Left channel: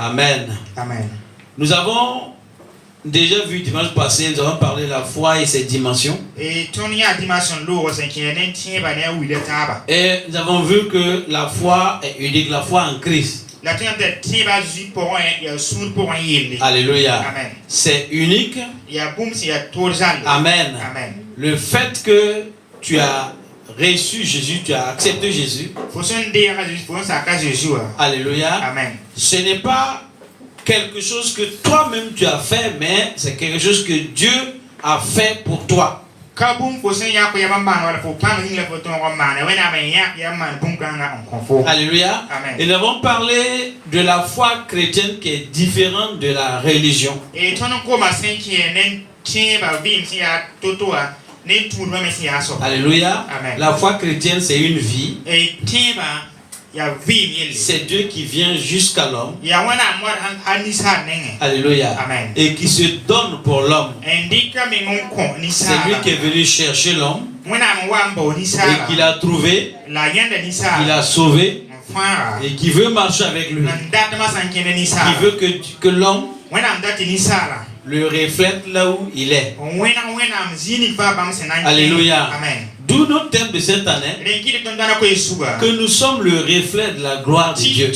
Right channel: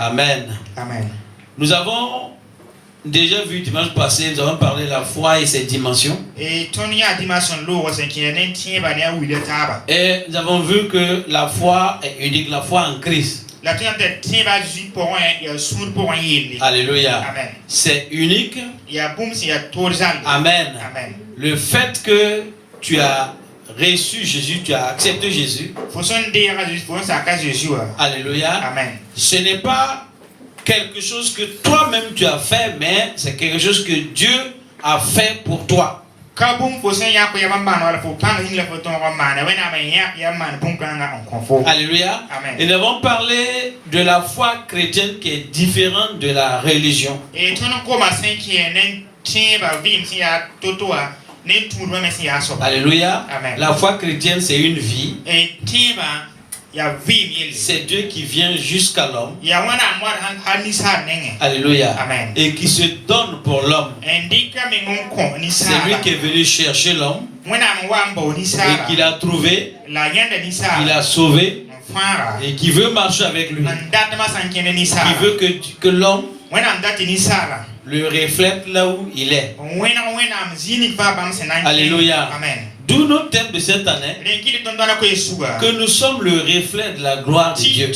Amen. Amen. Nous avons déjà vu dimanche passé, nous avons parlé de la foi et ses dimensions. Et nous avons vu que la foi est unique, la foi en Christ. Alléluia. Amen. C'est unique. Amen. Amen. Le fait que tu as reçu Jésus, tu as accepté Jésus. Alléluia. Amen. Ce n'est pas quelque chose que toi-même tu as fait, mais c'est quelque chose que Dieu a fait pour toi. Alléluia. Amen. Et nous avons parlé de la foi chrétienne qui est différente de la religion. Alléluia. Amen. La foi chrétienne, c'est une vie. C'est Dieu qui vient jusqu'à l'homme. Alléluia. Amen. Et qui se donne pour l'homme. C'est lui qui est venu chercher l'homme et qui l'a trouvé, qui l'a sauvé et qui veut marcher avec lui. Qui veut que l'homme le reflète là où il est. Alléluia. Amen. D'où notre thème de cette année, que nous sommes le reflet de la gloire de Dieu.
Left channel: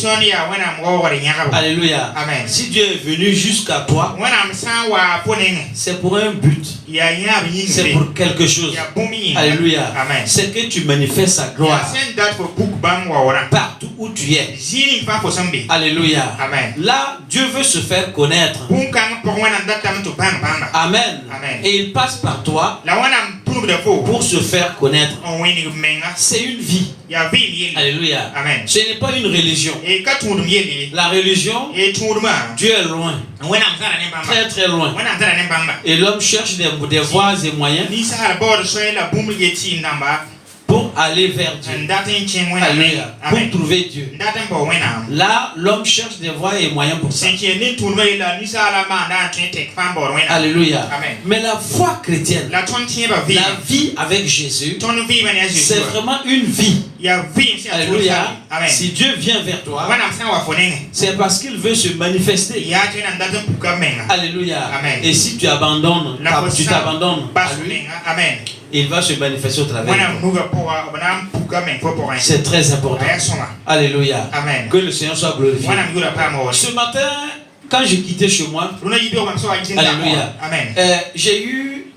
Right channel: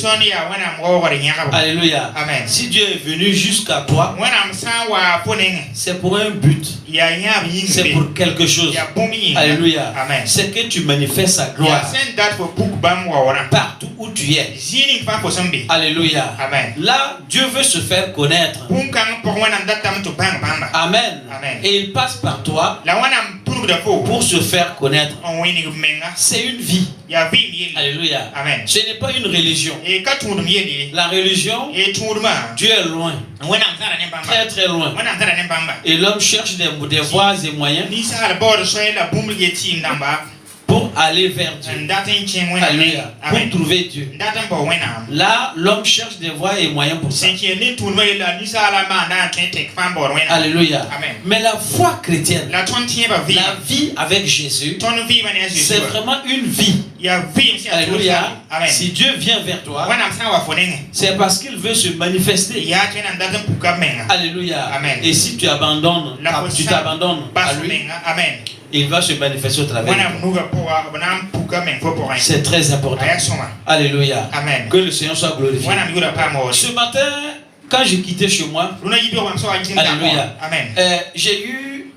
Alléluia. Amen. Si Dieu est venu jusqu'à toi, c'est pour un but. C'est pour quelque chose. Alléluia. Amen. C'est que tu manifestes sa gloire partout où tu es. Alléluia. Amen. Là, Dieu veut se faire connaître. Amen. Amen. Et il passe par toi pour se faire connaître. C'est une vie. Alléluia. Amen. Ce n'est pas une religion. La religion, Dieu est loin. Très très loin. Et l'homme cherche des voies et moyens pour aller vers Dieu. Alléluia. Pour trouver Dieu. Là, l'homme cherche des voies et moyens pour ça. Alléluia. Amen. Mais la foi chrétienne, la vie avec Jésus, c'est vraiment une vie. Alléluia. Si Dieu vient vers toi, c'est parce qu'il veut se manifester. Alléluia. Amen. Et si tu abandonnes, tu t'abandonnes à lui, il va se manifester au travers de toi. C'est très important. Alléluia. Amen. Que le Seigneur soit glorifié. Ce matin, quand j'ai quitté chez moi, alléluia, Amen. J'ai eu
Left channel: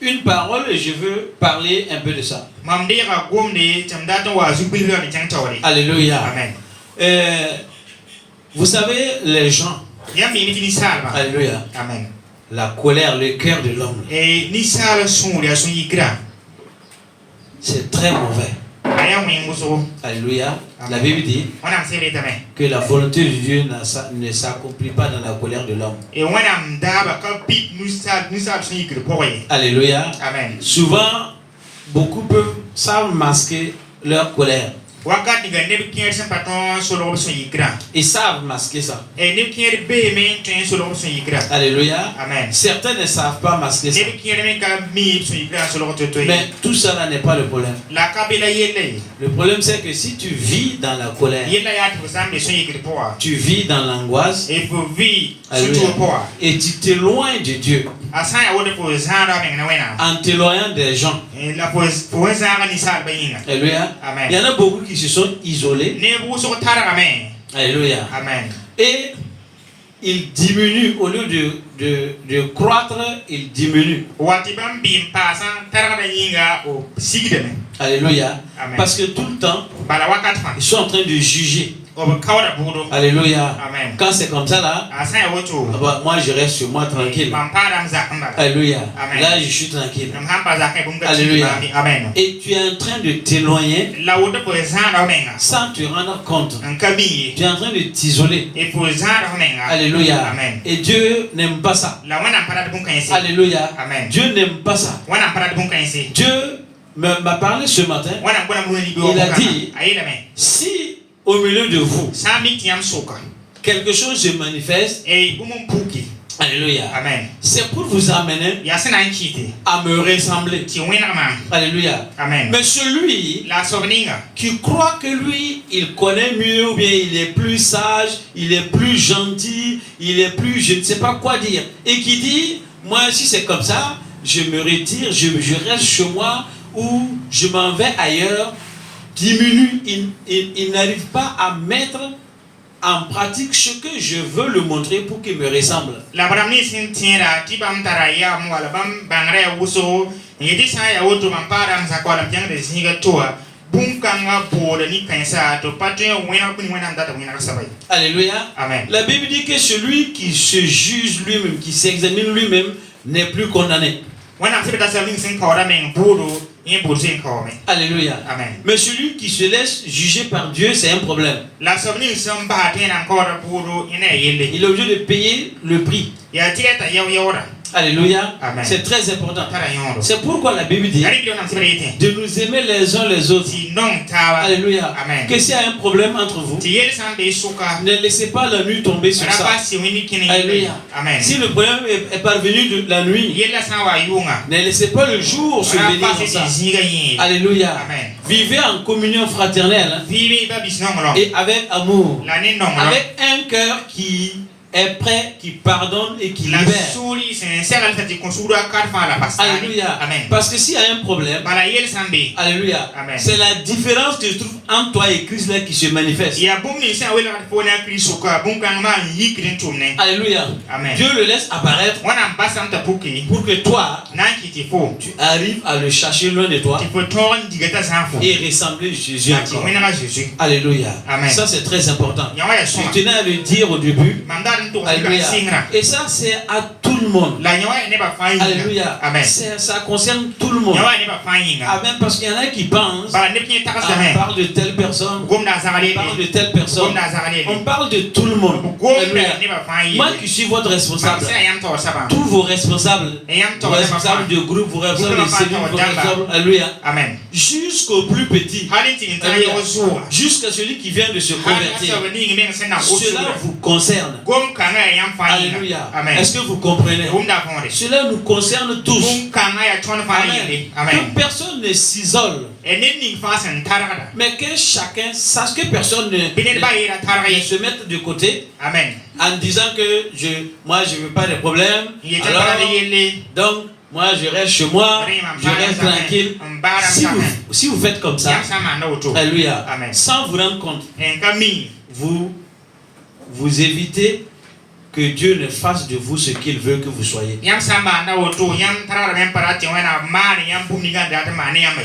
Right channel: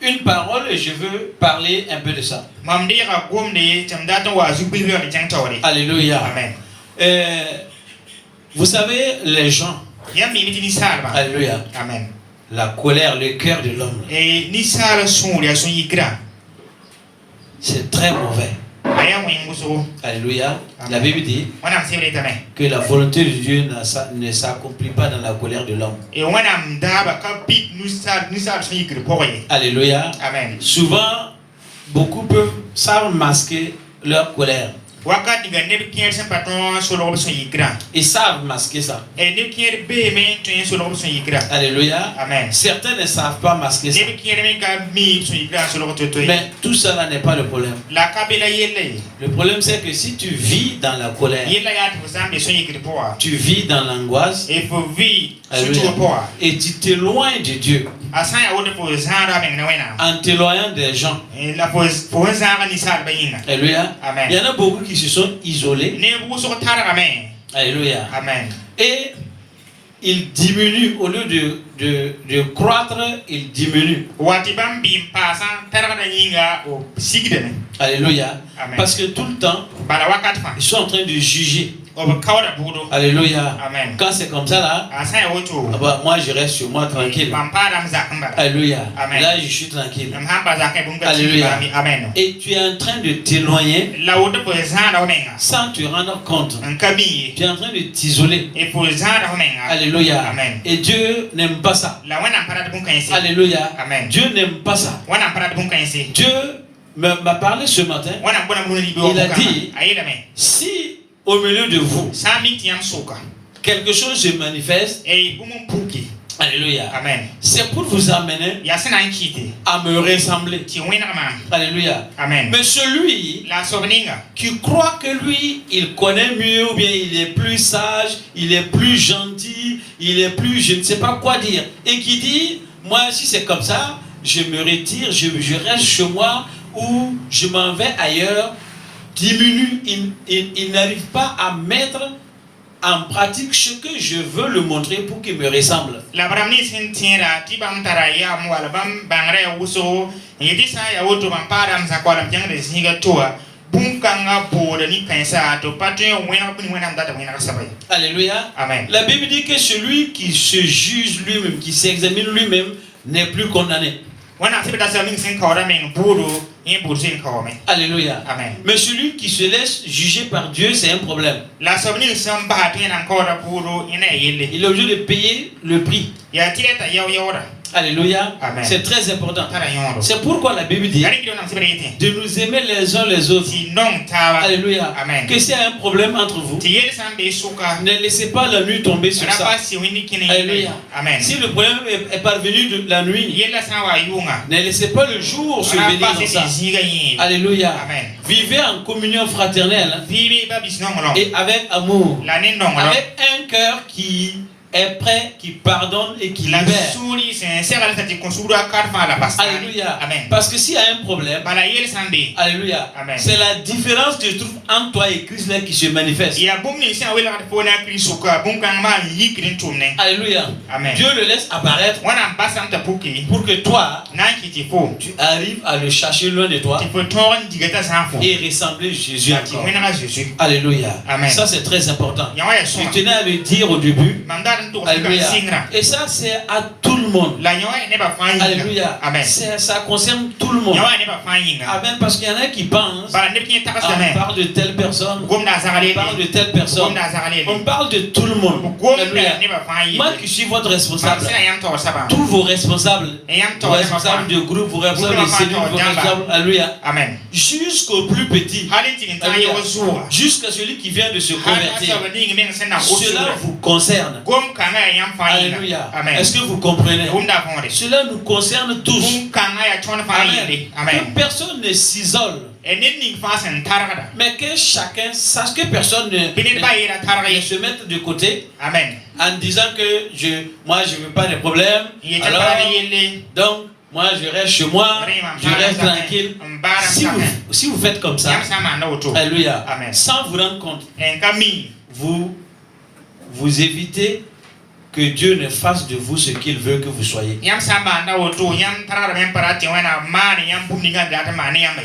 une parole et je veux parler un peu de ça. Alléluia. Amen. Vous savez, les gens, alléluia, Amen. la colère, le cœur de l'homme, c'est très mauvais. Alléluia. La Bible dit que la volonté de Dieu ne s'accomplit pas dans la colère de l'homme. Alléluia. Amen. Souvent, beaucoup savent masquer leur colère. Ils savent masquer ça. Alléluia. Amen. Certains ne savent pas masquer ça. Mais tout ça là n'est pas le problème. Le problème c'est que si tu vis dans la colère, tu vis dans l'angoisse, alléluia, et tu t'éloignes de Dieu en t'éloignant des gens. Alléluia. Amen. Il y en a beaucoup qui se sont isolés. Alléluia. Amen. Et ils diminuent au lieu de croître, ils diminuent. Alléluia. Amen. Parce que tout le temps, ils sont en train de juger. Alléluia. Amen. Quand c'est comme ça là, moi je reste sur moi tranquille. Alléluia. Amen. Là je suis tranquille. Alléluia. Amen. Et tu es en train de t'éloigner sans te rendre compte. Tu es en train de t'isoler. Alléluia. Amen. Et Dieu n'aime pas ça. Alléluia. Amen. Dieu n'aime pas ça. Dieu m'a parlé ce matin. Il a dit, si au milieu de vous quelque chose se manifeste, alléluia, Alléluia. Amen. C'est pour vous amener à me ressembler. Alléluia. Amen. Mais celui qui croit que lui, il connaît mieux, ou bien il est plus sage, il est plus gentil, il est plus, je ne sais pas quoi dire, et qui dit, moi si c'est comme ça, je me retire, je reste chez moi, ou je m'en vais ailleurs, diminue, il n'arrive pas à mettre en pratique ce que je veux le montrer pour qu'il me ressemble. Alléluia. Amen. La Bible dit que celui qui se juge lui-même, qui s'examine lui-même, n'est plus condamné. Alléluia. Amen. Mais celui qui se laisse juger par Dieu, c'est un problème. Il est obligé de payer le prix. Alléluia. C'est très important. C'est pourquoi la Bible dit de nous aimer les uns les autres. Alléluia. Amen. Que s'il y a un problème entre vous, ne laissez pas la nuit tomber sur ça. Alléluia. Amen. Si le problème est parvenu de la nuit, ne laissez pas le jour se venir dans ça. Alléluia. Amen. Vivez en communion fraternelle et avec amour, avec un cœur qui est prêt, qui pardonne et qui libère. Alléluia. Amen. Parce que s'il y a un problème, alléluia, c'est la différence que je trouve entre toi et Christ là qui se manifeste. Alléluia. Amen. Dieu le laisse apparaître pour que toi, tu arrives à le chercher loin de toi et ressembler Jésus encore. Alléluia. Amen. Ça c'est très important. Je tenais à le dire au début. Alléluia. Et ça c'est à tout le monde. Alléluia. Amen. Ça concerne tout le monde. Amen. Parce qu'il y en a qui pensent, on parle de telle personne, on parle de telle personne, on parle de tout le monde. Alléluia. Moi qui suis votre responsable, tous vos responsables de groupe, vos responsables de cellules, vos responsables, alléluia. Amen. Jusqu'au plus petit, jusqu'à celui qui vient de se convertir, cela vous concerne. Alléluia. Est-ce que vous comprenez? Cela nous concerne tous. Amen. Que personne ne s'isole. Mais que chacun sache que personne ne se mette de côté. Amen. En disant que moi je veux pas de problème. Alors, donc moi je reste chez moi, je reste tranquille. Si vous faites comme ça, alléluia, sans vous rendre compte, vous évitez que Dieu ne fasse de vous ce qu'il veut que vous soyez.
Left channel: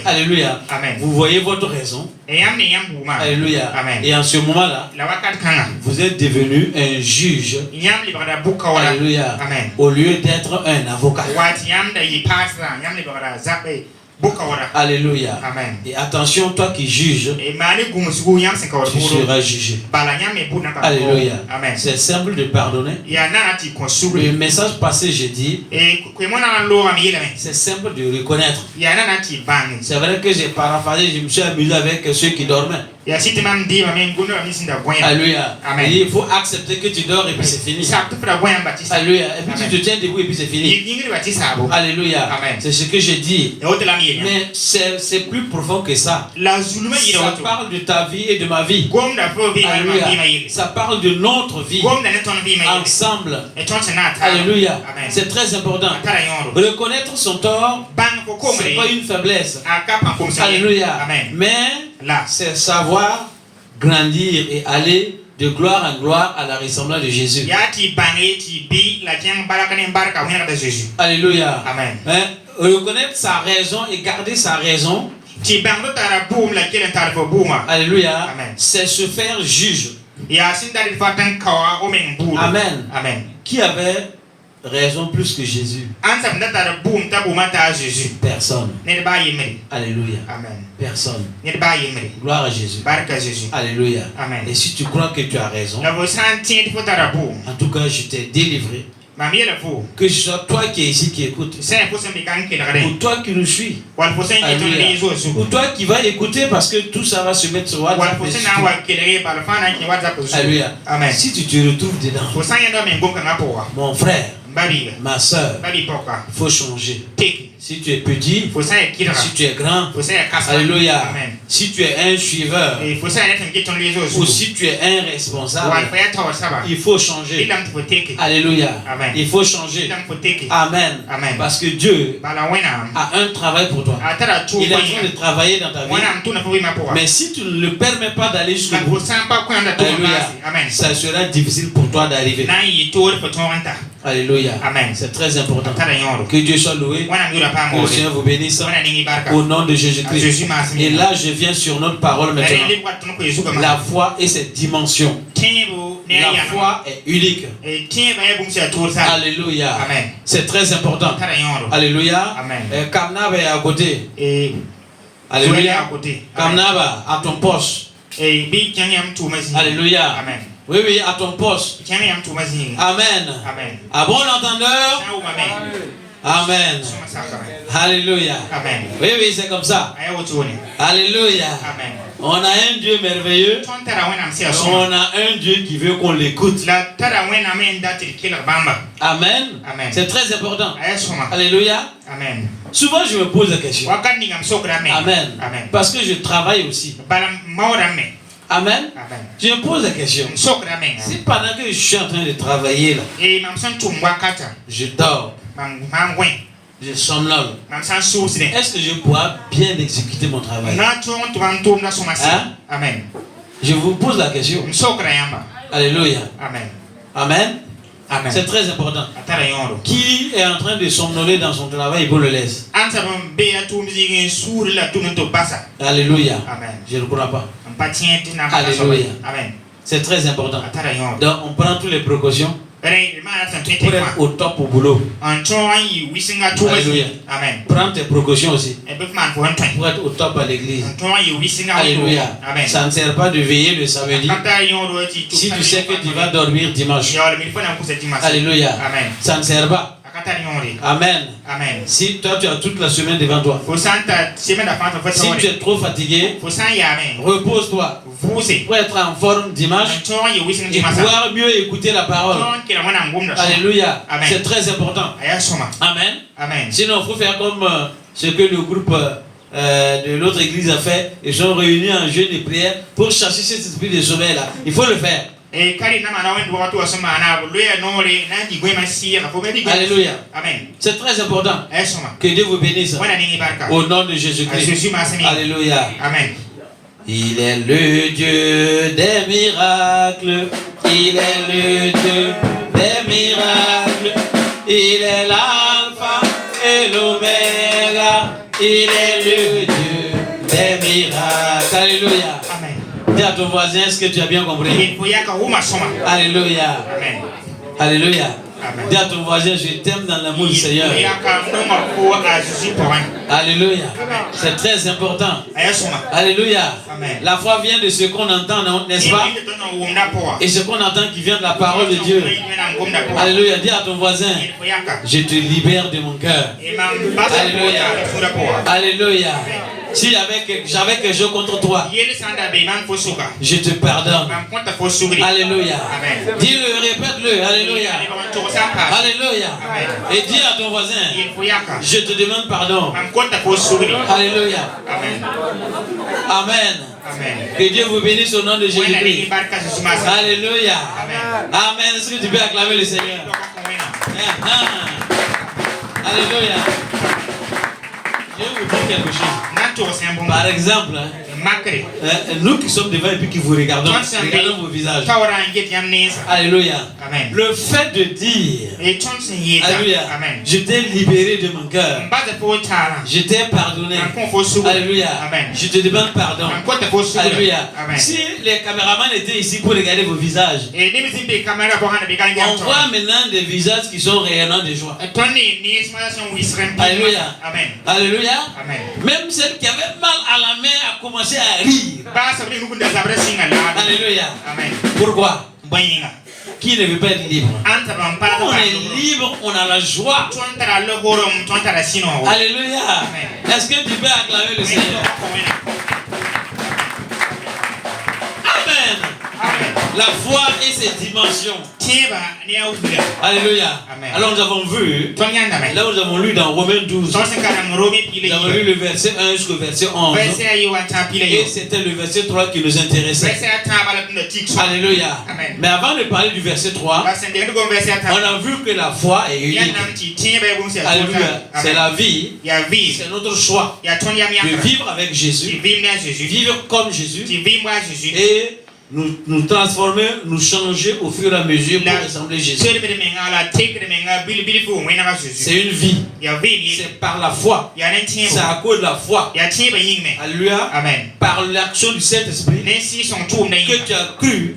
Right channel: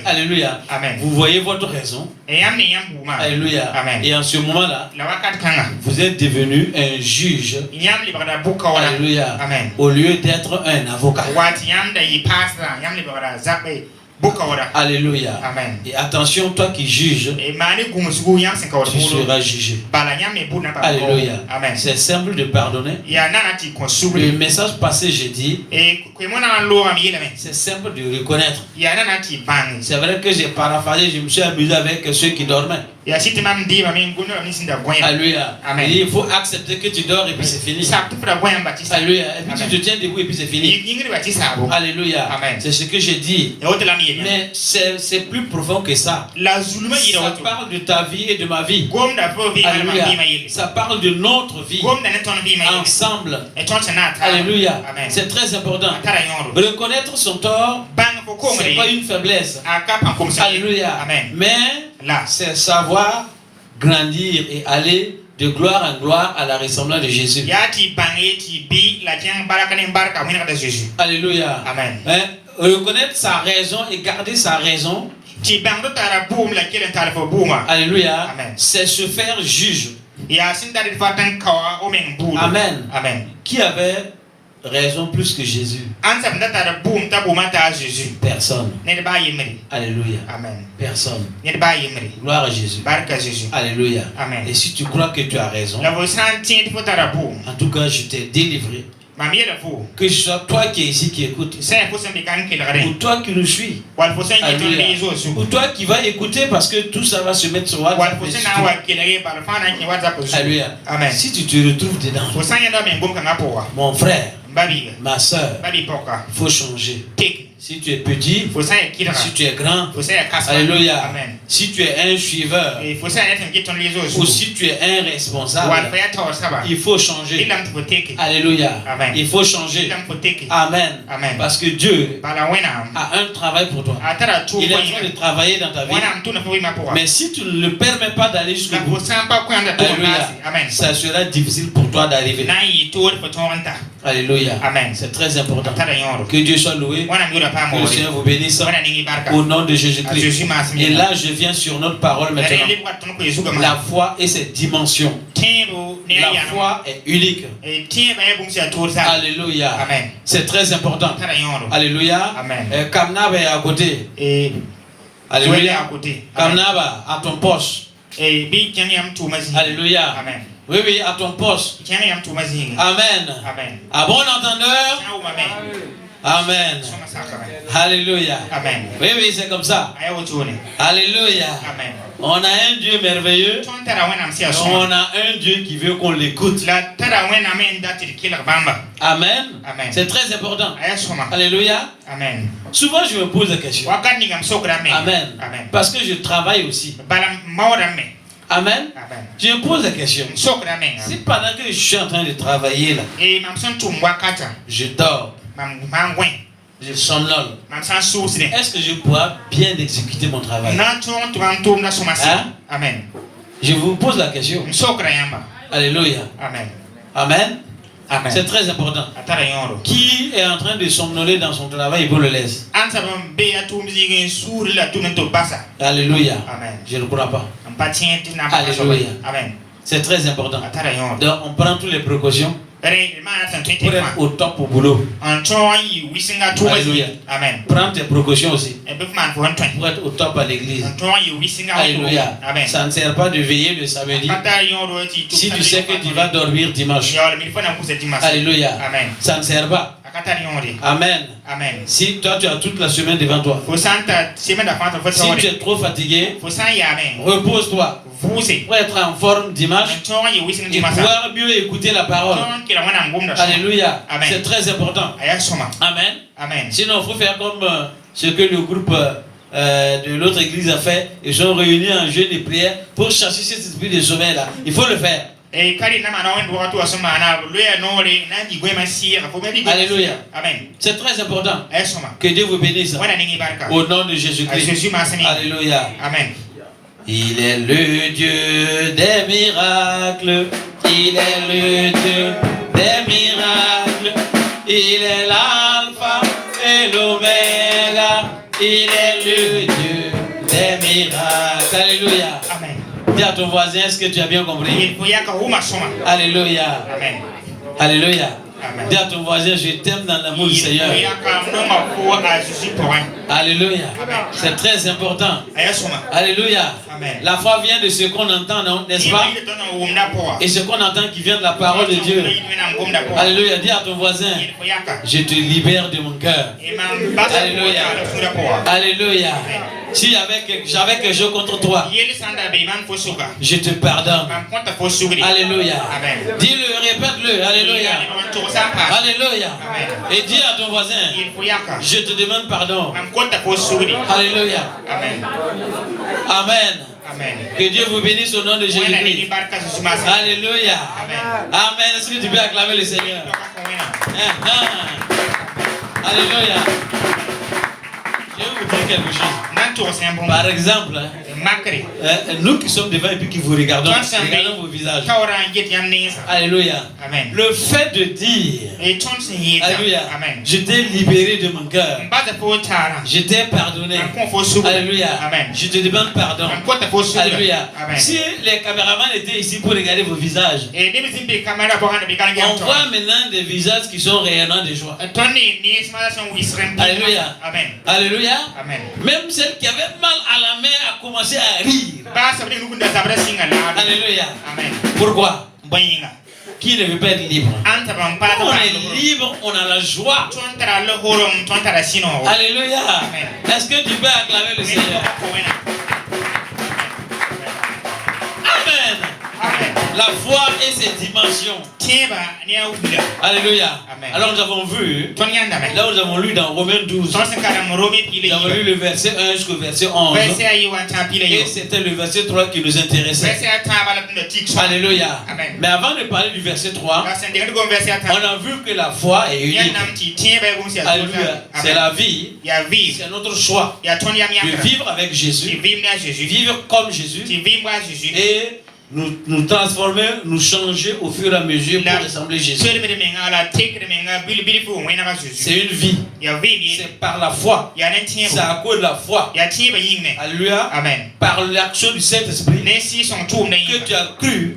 Alléluia. Amen. Vous voyez votre raison. Alléluia. Amen. Et en ce moment-là, vous êtes devenu un juge. Alléluia. Amen. Au lieu d'être un avocat. Alléluia. Amen. Et attention, toi qui juges, tu seras jugé. Alléluia. Amen. C'est simple de pardonner. Le message passé, j'ai dit, c'est simple de reconnaître. C'est vrai que j'ai paraphrasé, je me suis amusé avec ceux qui dormaient. Alléluia. Amen. Il faut accepter que tu dors et puis c'est fini. Alléluia. Et puis tu te tiens debout et puis c'est fini. Alléluia. C'est ce que j'ai dit. Mais c'est plus profond que ça. Ça parle de ta vie et de ma vie. Alléluia. Ça parle de notre vie ensemble. Alléluia. C'est très important. Reconnaître son tort, ce n'est pas une faiblesse. Alléluia. Mais c'est savoir grandir et aller de gloire en gloire à la ressemblance de Jésus. Alléluia. Amen. Reconnaître sa raison et garder sa raison. Alléluia. C'est se faire juge. Amen. Amen. Qui avait raison plus que Jésus? Personne. Alléluia. Amen. Personne. Gloire à Jésus. Alléluia. Amen. Et si tu crois que tu as raison, en tout cas je t'ai délivré. Que ce soit toi qui es ici qui écoute, ou toi qui nous suis, ou toi qui vas écouter parce que tout ça va se mettre sur WhatsApp. Alléluia. Si tu te retrouves dedans, mon frère, ma soeur, il faut changer. Si tu es petit, si tu es grand, alléluia. Si tu es un suiveur, ou si tu es un responsable, il faut changer. Alléluia. Il faut changer. Amen. Parce que Dieu a un travail pour toi. Il est en train de travailler dans ta vie. Mais si tu ne le permets pas d'aller jusqu'au bout, ça sera difficile pour toi d'arriver. Alléluia. C'est très important. Que Dieu soit loué. Que le Seigneur vous bénisse. Au nom de Jésus-Christ. Et là, je viens sur notre parole maintenant. La foi et ses dimensions. La foi est unique. Alléluia. C'est très important. Alléluia. Kamnaba est à côté. Alléluia. Kamnaba à ton poste. Alléluia. Oui, oui, à ton poste. Amen. À bon entendeur. Amen. Alléluia. Oui, oui, c'est comme ça. Alléluia. On a un Dieu merveilleux. On a un Dieu qui veut qu'on l'écoute. Amen. C'est très important. Alléluia. Souvent, je me pose la question. Amen. Parce que je travaille aussi. Amen. Je me pose la question. Si pendant que je suis en train de travailler là, je dors, je somnole, est-ce que je pourrai bien exécuter mon travail? Hein? Je vous pose la question. Alléluia. Amen. C'est très important. Qui est en train de somnoler dans son travail pour le laisser? Alléluia. Je ne crois pas. Alléluia. C'est très important. Donc on prend toutes les précautions pour être au top au boulot. Alléluia. Prends tes précautions aussi pour être au top à l'église. Alléluia. Ça ne sert pas de veiller le samedi si tu sais que tu vas dormir dimanche. Alléluia. Ça ne sert pas. Amen. Si toi tu as toute la semaine devant toi, si tu es trop fatigué, repose-toi pour être en forme dimanche et pouvoir mieux écouter la parole. Alléluia. C'est très important. Amen. Sinon il faut faire comme ce que le groupe de l'autre église a fait. Ils sont réunis en jeûne et prière pour chasser cet esprit de sommeil là. Il faut le faire. Alléluia. C'est très important. Que Dieu vous bénisse. Au nom de Jésus-Christ. Alléluia. Il est le Dieu des miracles. Il est le Dieu des miracles. Il est l'alpha et l'oméga. Il est le Dieu des miracles. Alléluia. Dis à ton voisin, est-ce que tu as bien compris? Alléluia. Alléluia. Dis à ton voisin, je t'aime dans l'amour du Seigneur. Alléluia. C'est très important. Alléluia. La foi vient de ce qu'on entend, n'est-ce pas? Et ce qu'on entend qui vient de la parole de Dieu. Alléluia. Dis à ton voisin, je te libère de mon cœur. Alléluia. Alléluia. Si j'avais quelque chose contre toi, je te pardonne. Alléluia. Dis-le, répète-le. Alléluia. Alléluia. Et dis à ton voisin, je te demande pardon. Alléluia. Amen. Que Dieu vous bénisse au nom de Jésus-Christ. Alléluia. Amen. Est-ce que tu peux acclamer le Seigneur? Alléluia. Je vais vous dire quelque chose. Par exemple, nous qui sommes devant et puis qui vous regardons vos visages. Alléluia. Le fait de dire, alléluia, je t'ai libéré de mon cœur. Je t'ai pardonné. Alléluia. Je te demande pardon. Alléluia. Si les caméramans étaient ici pour regarder vos visages, on voit maintenant des visages qui sont rayonnants de joie. Alléluia. Alléluia. Même celle qui avait mal à la main a commencé à rire. Alléluia. Pourquoi? Qui ne veut pas être libre? On est libre, on a la joie. Alléluia. Est-ce que tu peux acclamer le Seigneur? Amen. La foi et ses dimensions. Alléluia. Amen. Alors nous avons vu, là nous avons lu dans Romains 12, nous avons lu le verset 1 jusqu'au verset 11. Et c'était le verset 3 qui nous intéressait. Alléluia. Amen. Mais avant de parler du verset 3, on a vu que la foi est unique. Alléluia. C'est la vie. C'est notre choix de vivre avec Jésus, vivre comme Jésus et nous transformer, nous changer au fur et à mesure pour ressembler à Jésus. C'est une vie. C'est par la foi. C'est à cause de la foi. Alléluia. Amen. Par l'action du Saint-Esprit que tu as cru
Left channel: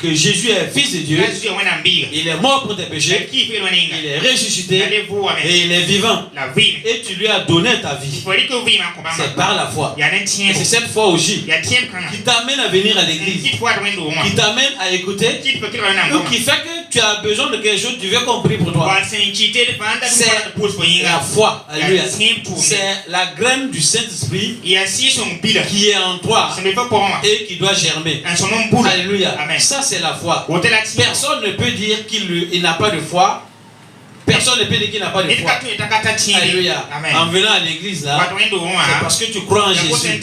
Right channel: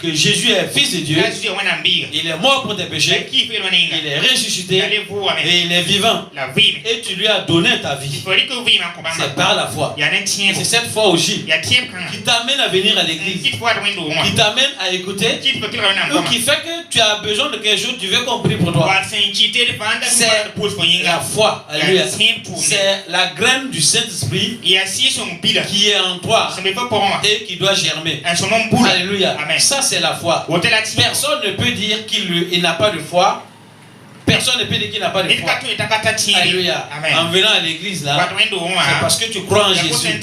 que Jésus est fils de Dieu. Il est mort pour tes péchés. Il est ressuscité et il est vivant. Et tu lui as donné ta vie. C'est par la foi. Et c'est cette foi aussi qui t'amène à venir à l'église, qui t'amène à écouter, ou qui fait que tu as besoin de quelque chose, tu veux qu'on prie pour toi. C'est la foi. Alléluia. C'est la graine du Saint-Esprit qui est en toi et qui doit germer. Alléluia. Ça c'est la foi. Personne ne peut dire qu'il n'a pas de foi. Personne ne peut dire qu'il n'a pas de foi. Alléluia. En venant à l'église là, c'est parce que tu crois en Jésus.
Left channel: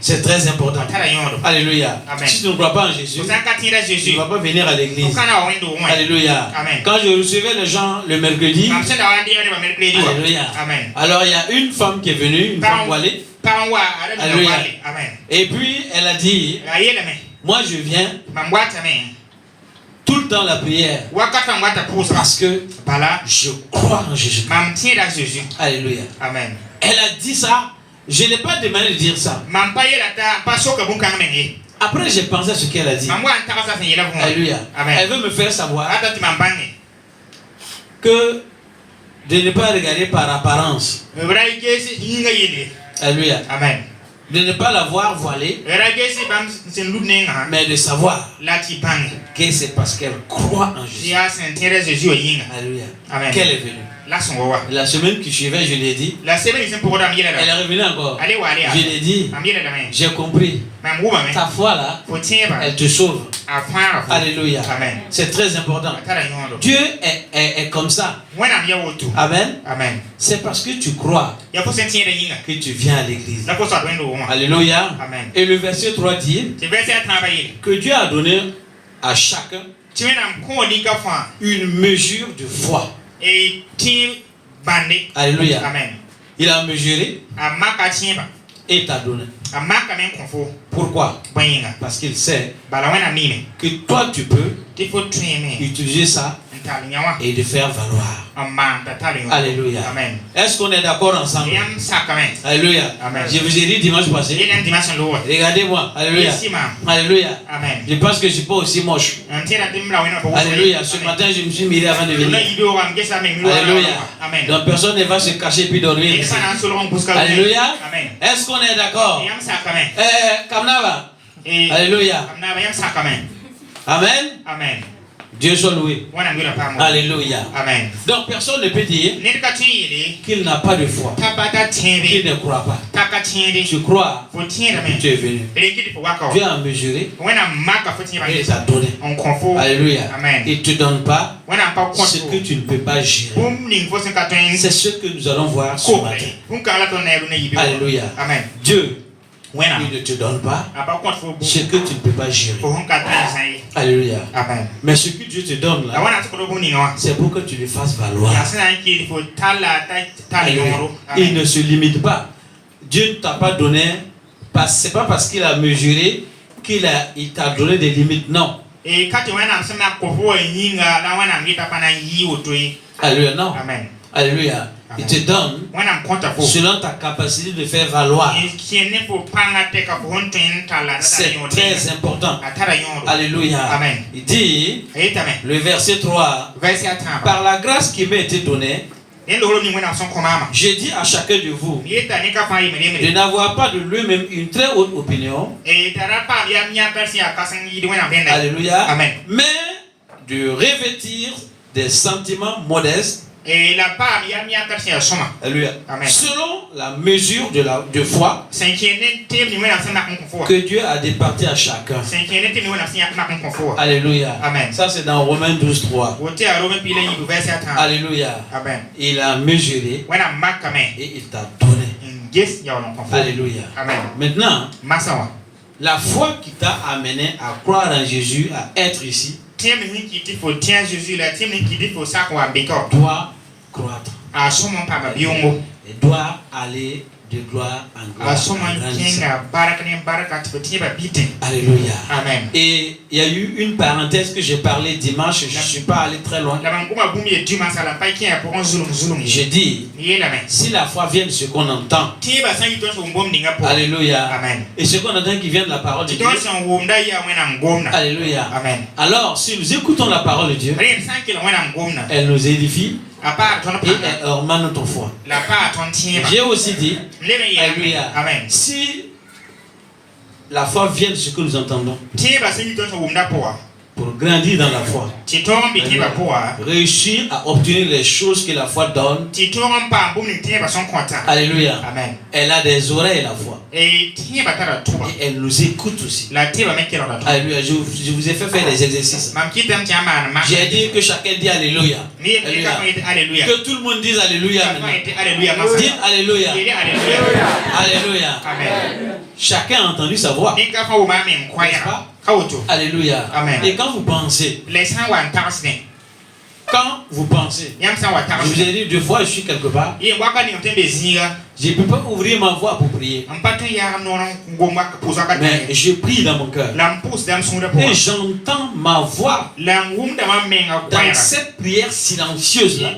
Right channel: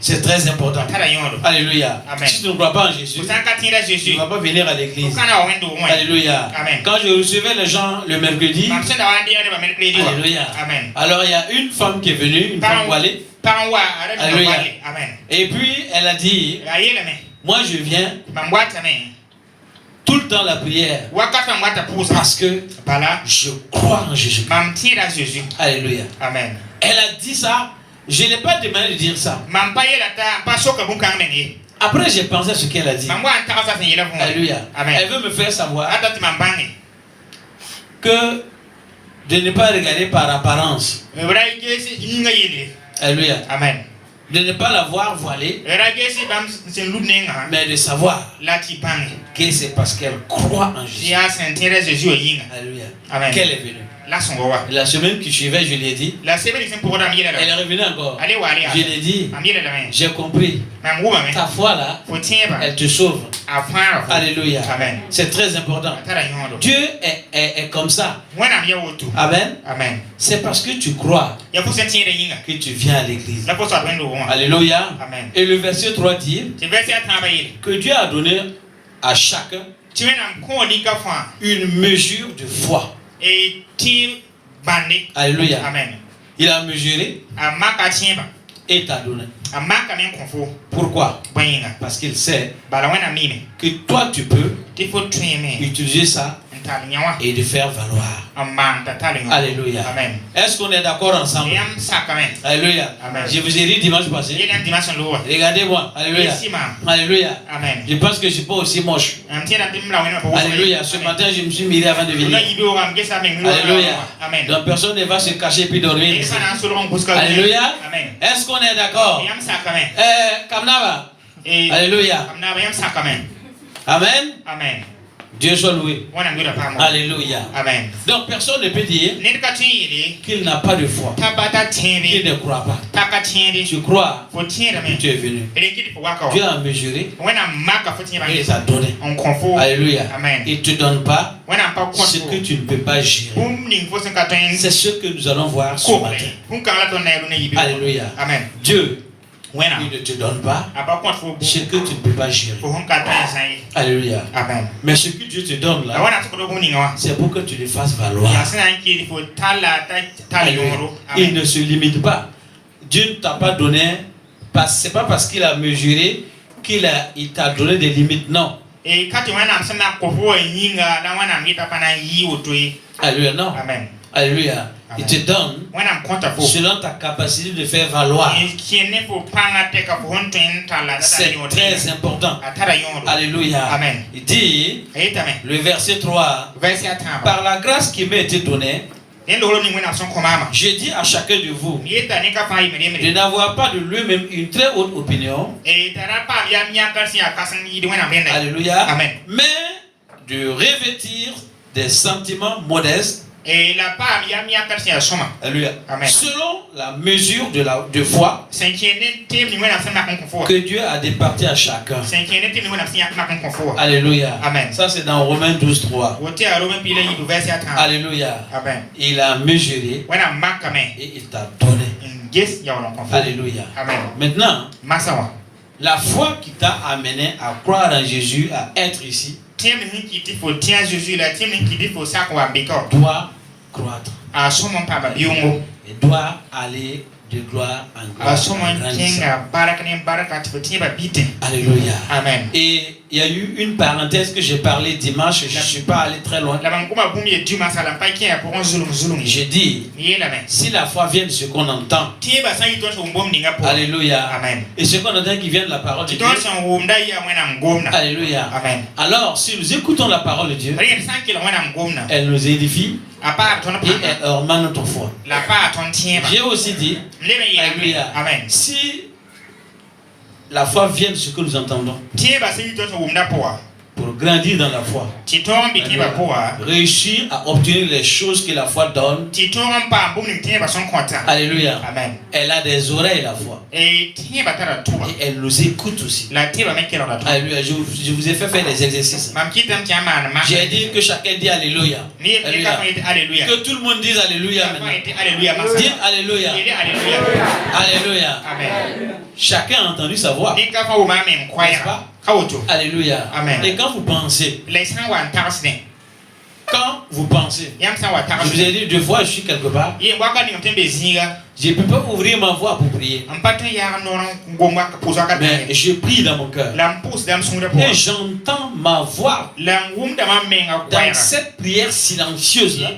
C'est très important. Alléluia. Si tu ne crois pas en Jésus, tu ne vas pas venir à l'église. Alléluia. Quand je recevais les gens le mercredi, alléluia. Alors il y a une femme qui est venue, une femme voilée. Alléluia. Et puis elle a dit, moi je viens tout le temps la prière parce que je crois en Jésus. Alléluia. Amen. Elle a dit ça. Je n'ai pas demandé de dire ça. Après j'ai pensé à ce qu'elle a dit. Alléluia. Elle veut me faire savoir que de ne pas regarder par apparence. Alléluia. Amen. De ne pas l'avoir voilée, mais de savoir que c'est parce qu'elle croit en Jésus. Alléluia. Amen. Qu'elle est venue. La semaine qui suivait, je l'ai dit. Elle est revenue encore. Je l'ai dit. J'ai compris. Ta foi là, elle te sauve. Alléluia. C'est très important. Dieu est comme ça. Amen. C'est parce que tu crois que tu viens à l'église. Alléluia. Amen. Et le verset 3 dit que Dieu a donné à chacun une mesure de foi. Alléluia. Amen. Il a mesuré et t'a donné. Pourquoi? Parce qu'il sait que toi tu peux utiliser ça et de faire valoir. Alléluia. Amen. Est-ce qu'on est d'accord ensemble? Alléluia. Amen. Je vous ai dit dimanche passé. Regardez-moi. Alléluia. Alléluia. Amen. Je pense que je ne suis pas aussi moche. Alléluia. Ce matin, je me suis miré avant de venir. Alléluia. Amen. Donc personne ne va se cacher puis dormir. Alléluia. Amen. Est-ce qu'on est d'accord? Kamnava. Alléluia. Amen. Amen. Dieu soit loué. Alléluia. Amen. Donc personne ne peut dire qu'il n'a pas de foi, qu'il ne croit pas. Tu crois, tu es venu. Dieu a mesuré et t'a donné. Alléluia. Amen. Il ne te donne pas ce que tu ne peux pas gérer. C'est ce que nous allons voir ce matin. Alléluia. Amen. Dieu, il ne te donne pas ce que tu ne peux pas gérer. Alléluia. Amen. Mais ce que Dieu te donne là, c'est pour que tu le fasses valoir. Il ne se limite pas. Dieu ne t'a pas donné, c'est pas parce qu'il a mesuré qu'il t'a donné des limites, non. Alléluia, non. Amen. Alléluia. Il te donne selon ta capacité de faire valoir. C'est très important. Alléluia. Amen. Il dit, le verset 3, par la grâce qui m'a été donnée, je dis à chacun de vous de n'avoir pas de lui-même une très haute opinion. Alléluia. Amen. Mais de revêtir des sentiments modestes Alléluia. Selon la mesure de foi que Dieu a départi à chacun. Alléluia. Amen. Ça c'est dans Romains 12:3. Alléluia. Amen. Il a mesuré et il t'a donné. Alléluia. Amen. Maintenant, la foi qui t'a amené à croire en Jésus, à être ici, doit croître. Et doit aller de gloire en gloire. Alléluia. Amen. Et il y a eu une parenthèse que j'ai parlé dimanche, je ne suis pas allé très loin. J'ai dit, si la foi vient de ce qu'on entend, alléluia. Amen. Et ce qu'on entend qui vient de la parole de Dieu, alléluia. Amen. Alors, si nous écoutons la parole de Dieu, elle nous édifie et elle augmente notre foi. J'ai aussi dit, alléluia. Amen. Si la foi vient de ce que nous entendons, pour grandir dans la foi, réussir à obtenir les choses que la foi donne, alléluia. Amen. Elle a des oreilles, la foi, et elle nous écoute aussi. Alléluia. Je vous ai fait faire des exercices. J'ai dit que chacun dit alléluia. Alléluia. Que tout le monde dise alléluia. Dites alléluia. Alléluia. Amen. Chacun a entendu sa voix. Alléluia. Amen. Et quand vous pensez, je vous ai dit deux fois, je suis quelque part, je ne peux pas ouvrir ma voix pour prier. Mais je prie dans mon cœur. Et j'entends ma voix dans cette prière silencieuse là.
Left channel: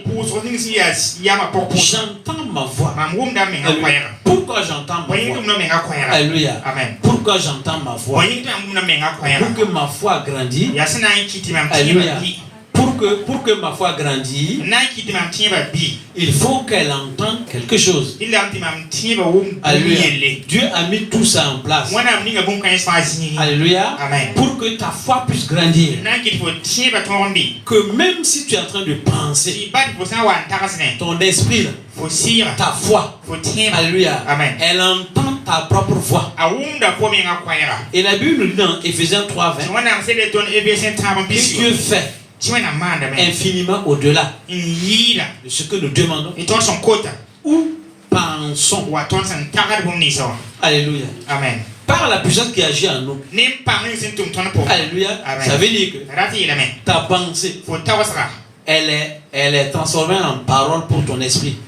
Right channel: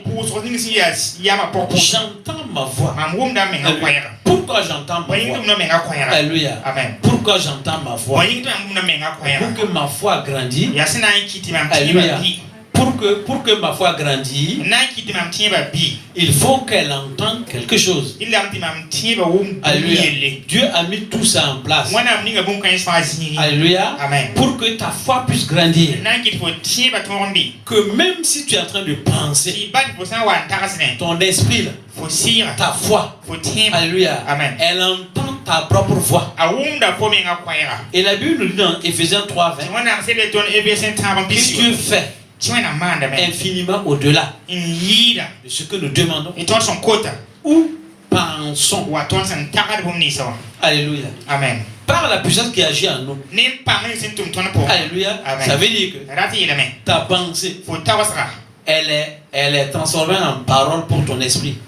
J'entends ma voix. Pourquoi j'entends ma voix? Alléluia. Amen. Pourquoi j'entends ma voix? Pour que ma foi grandisse. Alléluia. Pour que ma foi grandisse, il faut qu'elle entende quelque chose. Alléluia. Dieu a mis tout ça en place. Alléluia. Amen. Pour que ta foi puisse grandir. Que même si tu es en train de penser, ton esprit, ta foi, alléluia, amen, elle entend ta propre voix. Et la Bible nous dit dans Éphésiens 3:20 que Dieu fait infiniment au-delà de ce que nous demandons ou pensons. Alléluia. Amen. Par la puissance qui agit en nous. Alléluia. Amen. Ça veut dire que ta pensée, elle est transformée en parole pour ton esprit.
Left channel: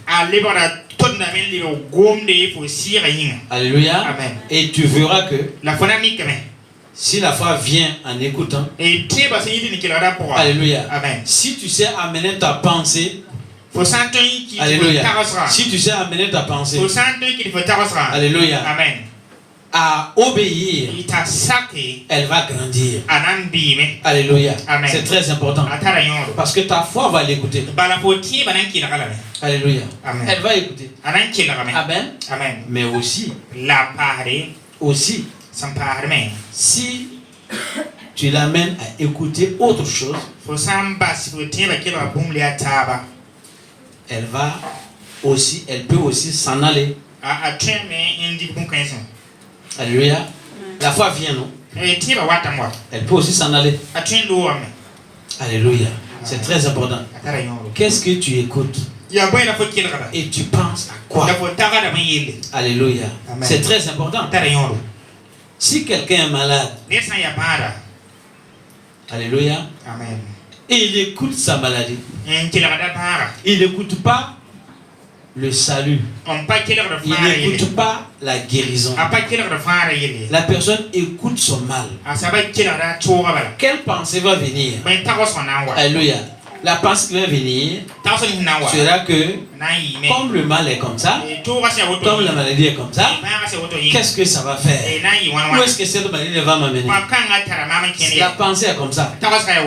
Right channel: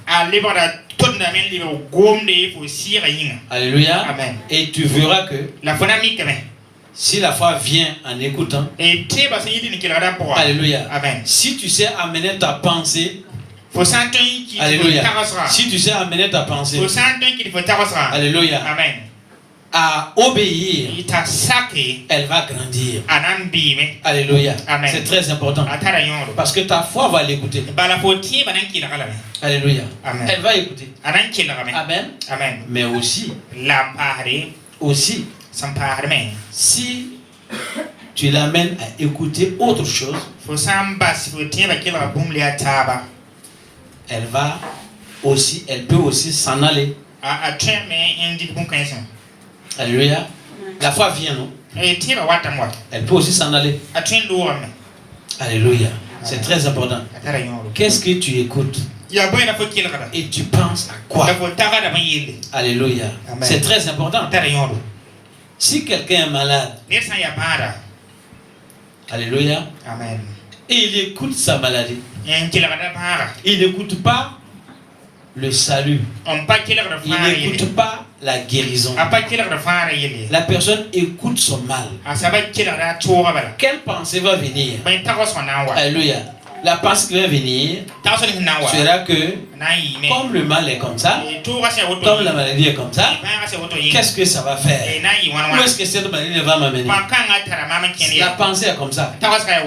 Alléluia. Amen. Et tu verras que si la foi vient en écoutant, alléluia. Amen. Si tu sais amener ta pensée, alléluia. Si tu sais amener ta pensée, alléluia, amen, à obéir, elle va grandir. Alléluia. C'est très important. Parce que ta foi va l'écouter. Alléluia. Amen. Elle va écouter. Amen. Amen. Mais aussi, si tu l'amènes à écouter autre chose, elle peut aussi s'en aller. Alléluia. La foi vient, non? Elle peut aussi s'en aller. Alléluia. C'est très important. Qu'est-ce que tu écoutes? Et tu penses à quoi? Alléluia. C'est très important. Si quelqu'un est malade, alléluia, amen, et il écoute sa maladie, il n'écoute pas le salut, il n'écoute pas la guérison, la personne écoute son mal. Quelle pensée va venir? Alléluia. La pensée qui va venir sera que comme le mal est comme ça, comme la maladie est comme ça, qu'est-ce que ça va faire? Où est-ce que cette maladie va m'amener? La pensée est comme ça.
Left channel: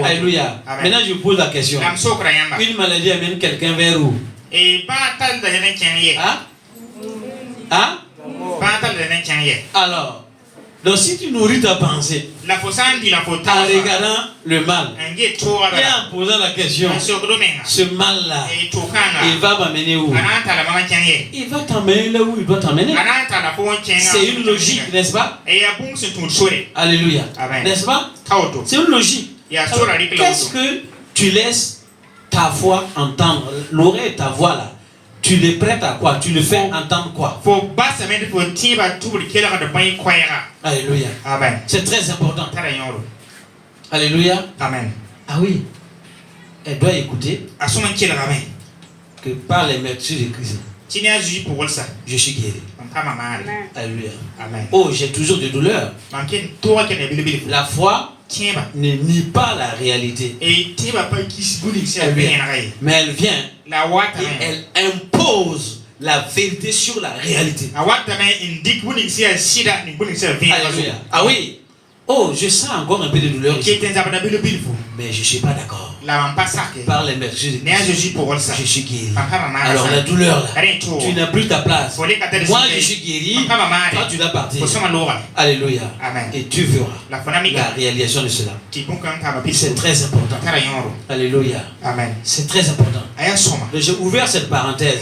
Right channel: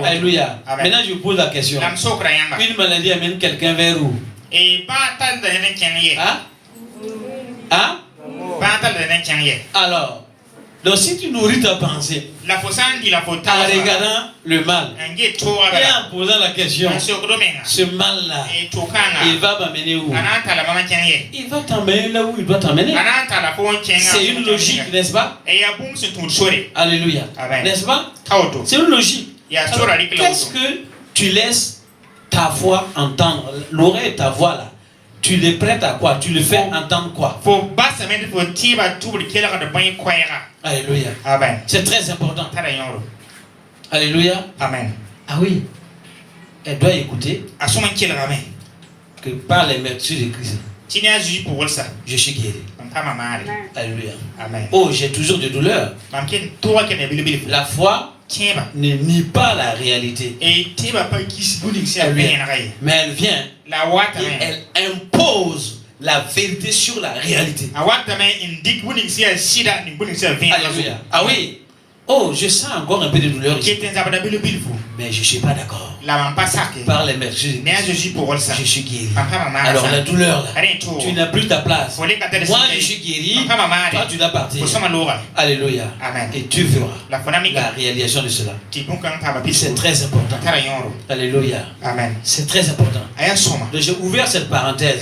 Alléluia. Maintenant je vous pose la question. Une maladie amène quelqu'un vers où? Hein? Hein? Alors, Donc si tu nourris ta pensée en regardant le mal et en posant la question, ce mal-là, il va m'amener où? Il va t'amener là où il doit t'amener. C'est une logique, n'est-ce pas? Alléluia. N'est-ce pas? C'est une logique. Qu'est-ce que tu laisses ta foi entendre? L'oreille de ta voix là, tu le prêtes à quoi? Tu le fais entendre quoi? Alléluia. C'est très important. Alléluia. Amen. Ah oui. Elle doit écouter que par les vertus de Christ, je suis guéri. Alléluia. Amen. Oh, j'ai toujours des douleurs. La foi ne nie pas la réalité. Mais elle vient et elle impose la vérité sur la réalité. Alléluia. Ah oui. Oh, je sens encore un peu de douleur ici. Mais je ne suis pas d'accord. Par les vertus de Christ, je suis guéri. Alors la douleur là, tu n'as plus ta place. Moi je suis guéri, toi tu dois partir. Alléluia. Amen. Et tu verras la réalisation de cela. C'est très important. Alléluia. Amen. C'est très important. Donc j'ai ouvert cette parenthèse.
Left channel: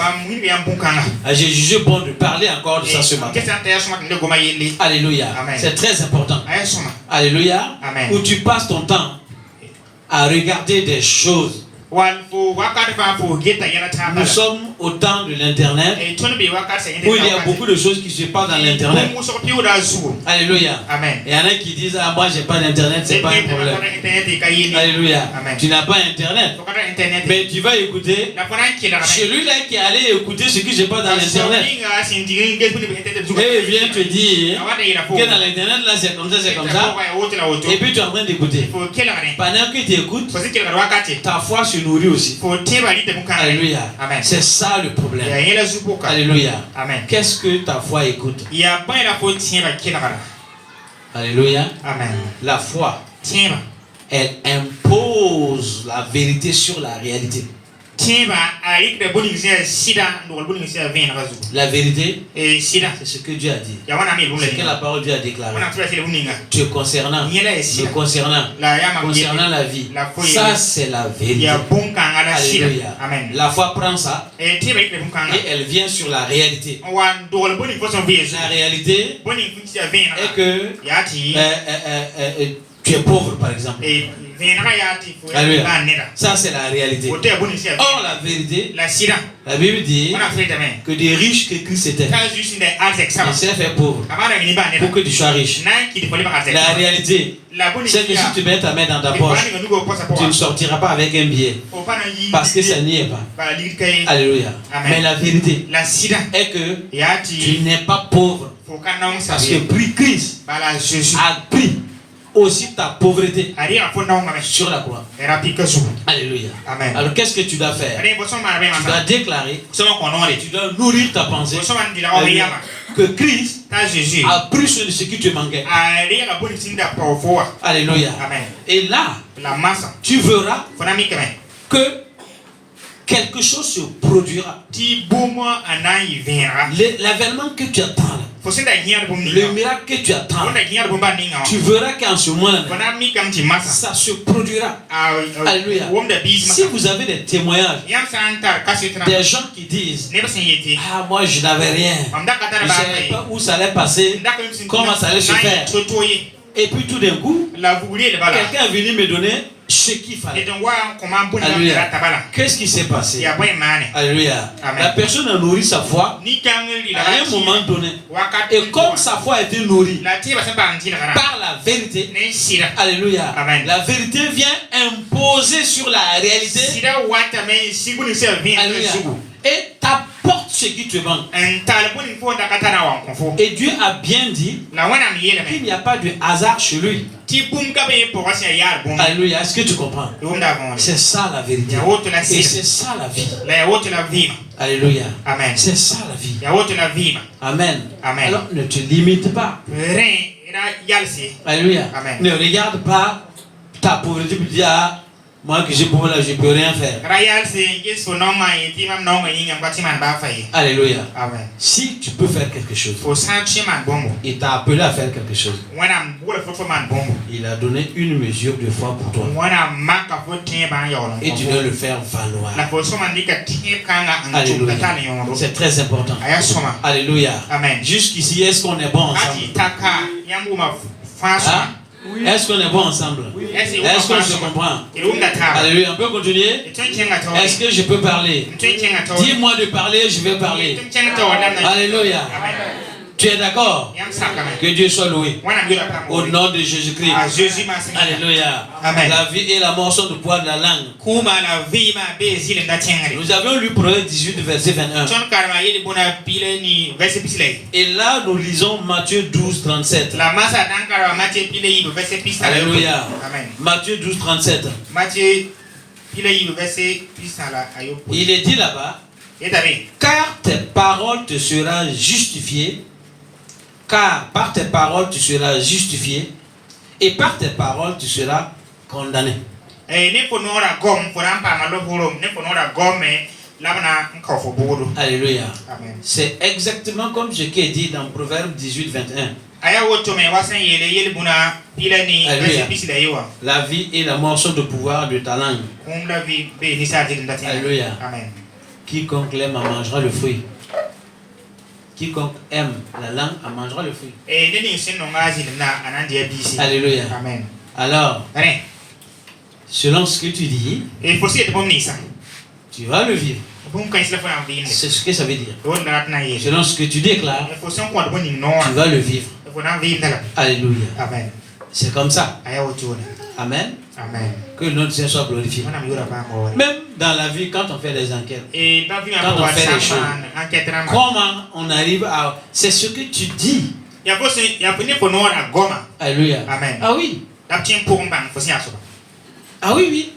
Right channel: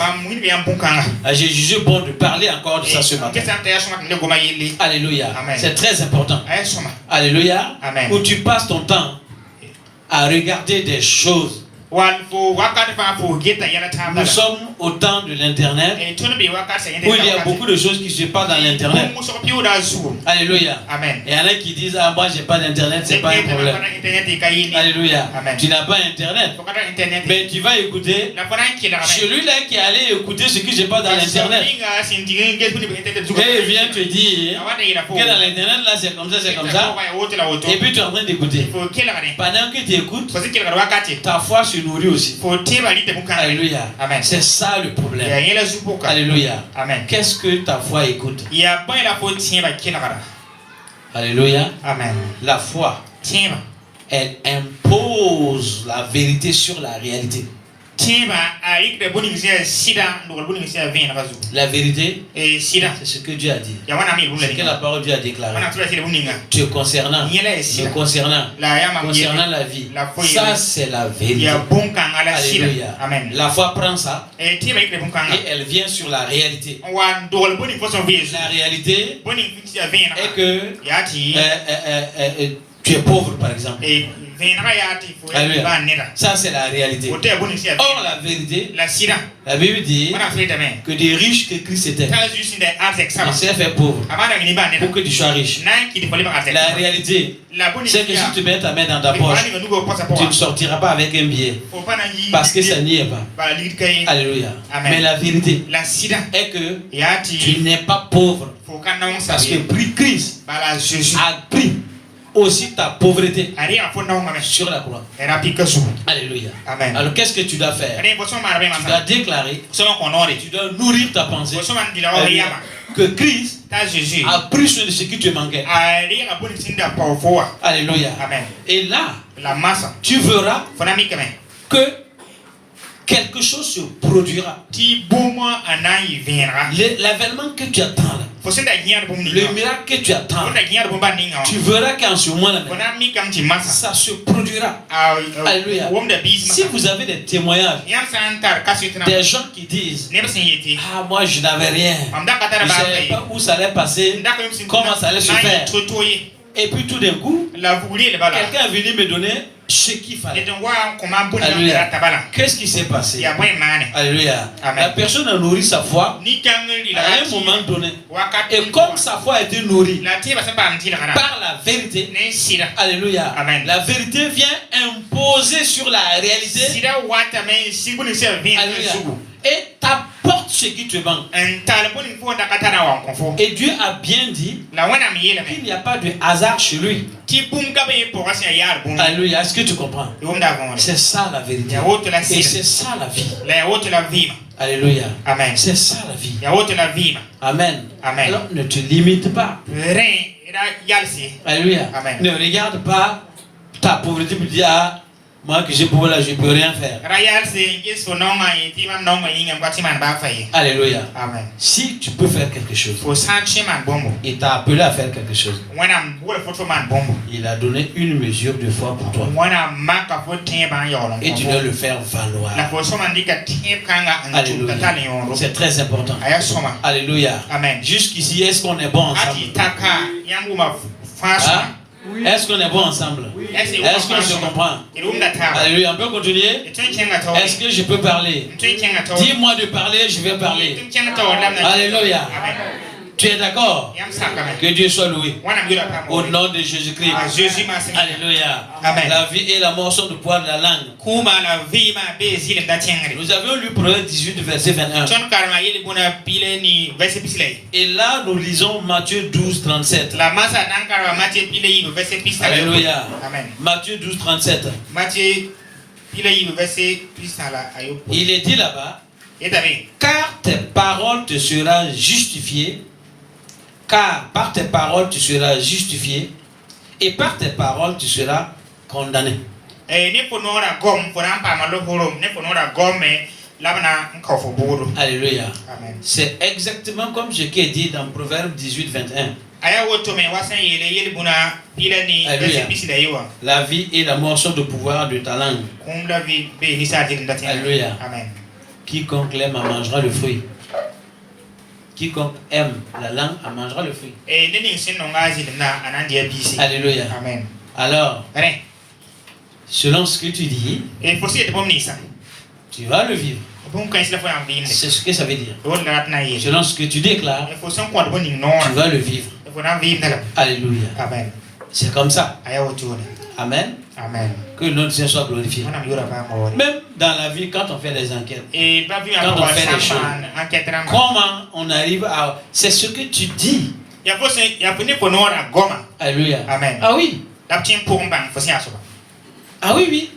J'ai jugé bon de parler encore de ça ce matin. Alléluia. C'est très important. Alléluia. Amen. Où tu passes ton temps à regarder des choses. Nous sommes au temps de l'internet où il y a beaucoup de choses qui se passent dans l'internet. Alléluia. Amen. Et il y en a qui disent ah moi j'ai pas d'internet, c'est pas un problème. Alléluia. Amen. Tu n'as pas internet, mais tu vas écouter celui-là qui allait écouter ce qui se passe dans l'internet. Et il vient te dire que dans l'internet là c'est comme ça, c'est comme ça. Et puis tu es en train d'écouter. Pendant que tu écoutes, ta foi se nourrit aussi. Alléluia. C'est ça le problème. Alléluia. Qu'est-ce que ta foi écoute? Alléluia. Amen. La foi, elle impose la vérité sur la réalité. La vérité, c'est ce que Dieu a dit. C'est que la parole de Dieu a déclaré. Te concernant, me concernant la vie. Ça, c'est la vérité. Alléluia. La foi prend ça et elle vient sur la réalité. La réalité est que tu es pauvre, par exemple. Alléluia. Ça, c'est la réalité. Or, la vérité, la Bible dit que des riches que Christ était, il s'est fait pauvre pour que tu sois riche. La réalité, c'est que si tu mets ta main dans ta poche, tu ne sortiras pas avec un billet parce que ça n'y est pas. Alléluia. Mais la vérité est que tu n'es pas pauvre parce que Christ a pris aussi ta pauvreté sur la croix. Alléluia. Amen. Alors qu'est-ce que tu dois faire? Tu dois déclarer, tu dois nourrir ta pensée que Christ a pris ce qui te manquait. Alléluia. Amen. Et là, tu verras que quelque chose se produira. L'avènement que tu attends, le miracle que tu attends, tu verras qu'en ce moment-là, ça se produira. Alléluia. Si vous avez des témoignages, des gens qui disent ah moi je n'avais rien, je ne savais pas où ça allait passer, comment ça allait se faire, et puis tout d'un coup quelqu'un est venu me donner ce qu'il fallait. Alléluia. Qu'est-ce qui s'est passé? Alléluia. La personne a nourri sa foi à un moment donné. Et comme sa foi a été nourrie par la vérité, alléluia, la vérité vient imposer sur la réalité. Alléluia. Et t'apporte ce qui te manque. Et Dieu a bien dit qu'il n'y a pas de hasard chez lui. Alléluia. Est-ce que tu comprends? C'est ça la vérité. Et c'est ça la vie. Alléluia. C'est ça la vie. Amen. Alors ne te limite pas. Alléluia. Ne regarde pas ta pauvreté pour dire Moi que j'ai pour là, je ne peux rien faire. Alléluia. Amen. Si tu peux faire quelque chose, il t'a appelé à faire quelque chose. Il a donné une mesure de foi pour toi. Et tu dois le faire valoir. Alléluia. C'est très important. Alléluia. Amen. Jusqu'ici, est-ce qu'on est bon ensemble? Ah? Oui. Est-ce qu'on est bon ensemble? Oui. Est-ce qu'on se comprend? Alléluia. On peut continuer? Est-ce que je peux parler? Dis-moi de parler, je vais parler. Alléluia. Tu es d'accord? Que Dieu soit loué. Au nom de Jésus-Christ. Alléluia. La vie et la mort sont du poids de la langue. Nous avions lu Proverbe 18, verset 21. Et là, nous lisons Matthieu 12, 37. Alléluia. Matthieu 12, 37. Il est dit là-bas, car tes paroles te seront justifiées. Car par tes paroles tu seras justifié et par tes paroles tu seras condamné. Alléluia. C'est exactement comme ce qui est dit dans Proverbe 18, 21. Alléluia. La vie et la mort sont de pouvoir de ta langue. Alléluia. Quiconque l'aime en mangera le fruit. Quiconque aime la langue en mangera le fruit. Alléluia. Amen. Alors, selon ce que tu dis, tu vas le vivre. C'est ce que ça veut dire. Selon ce que tu déclares, tu vas le vivre. Alléluia. Amen. C'est comme ça. Amen. Amen. Que le nom de Dieu soit glorifié. Même dans la vie, quand on fait des enquêtes, quand on fait des choses, comment on arrive à... C'est ce que tu dis. Alléluia. Amen. Ah oui. Ah oui, oui.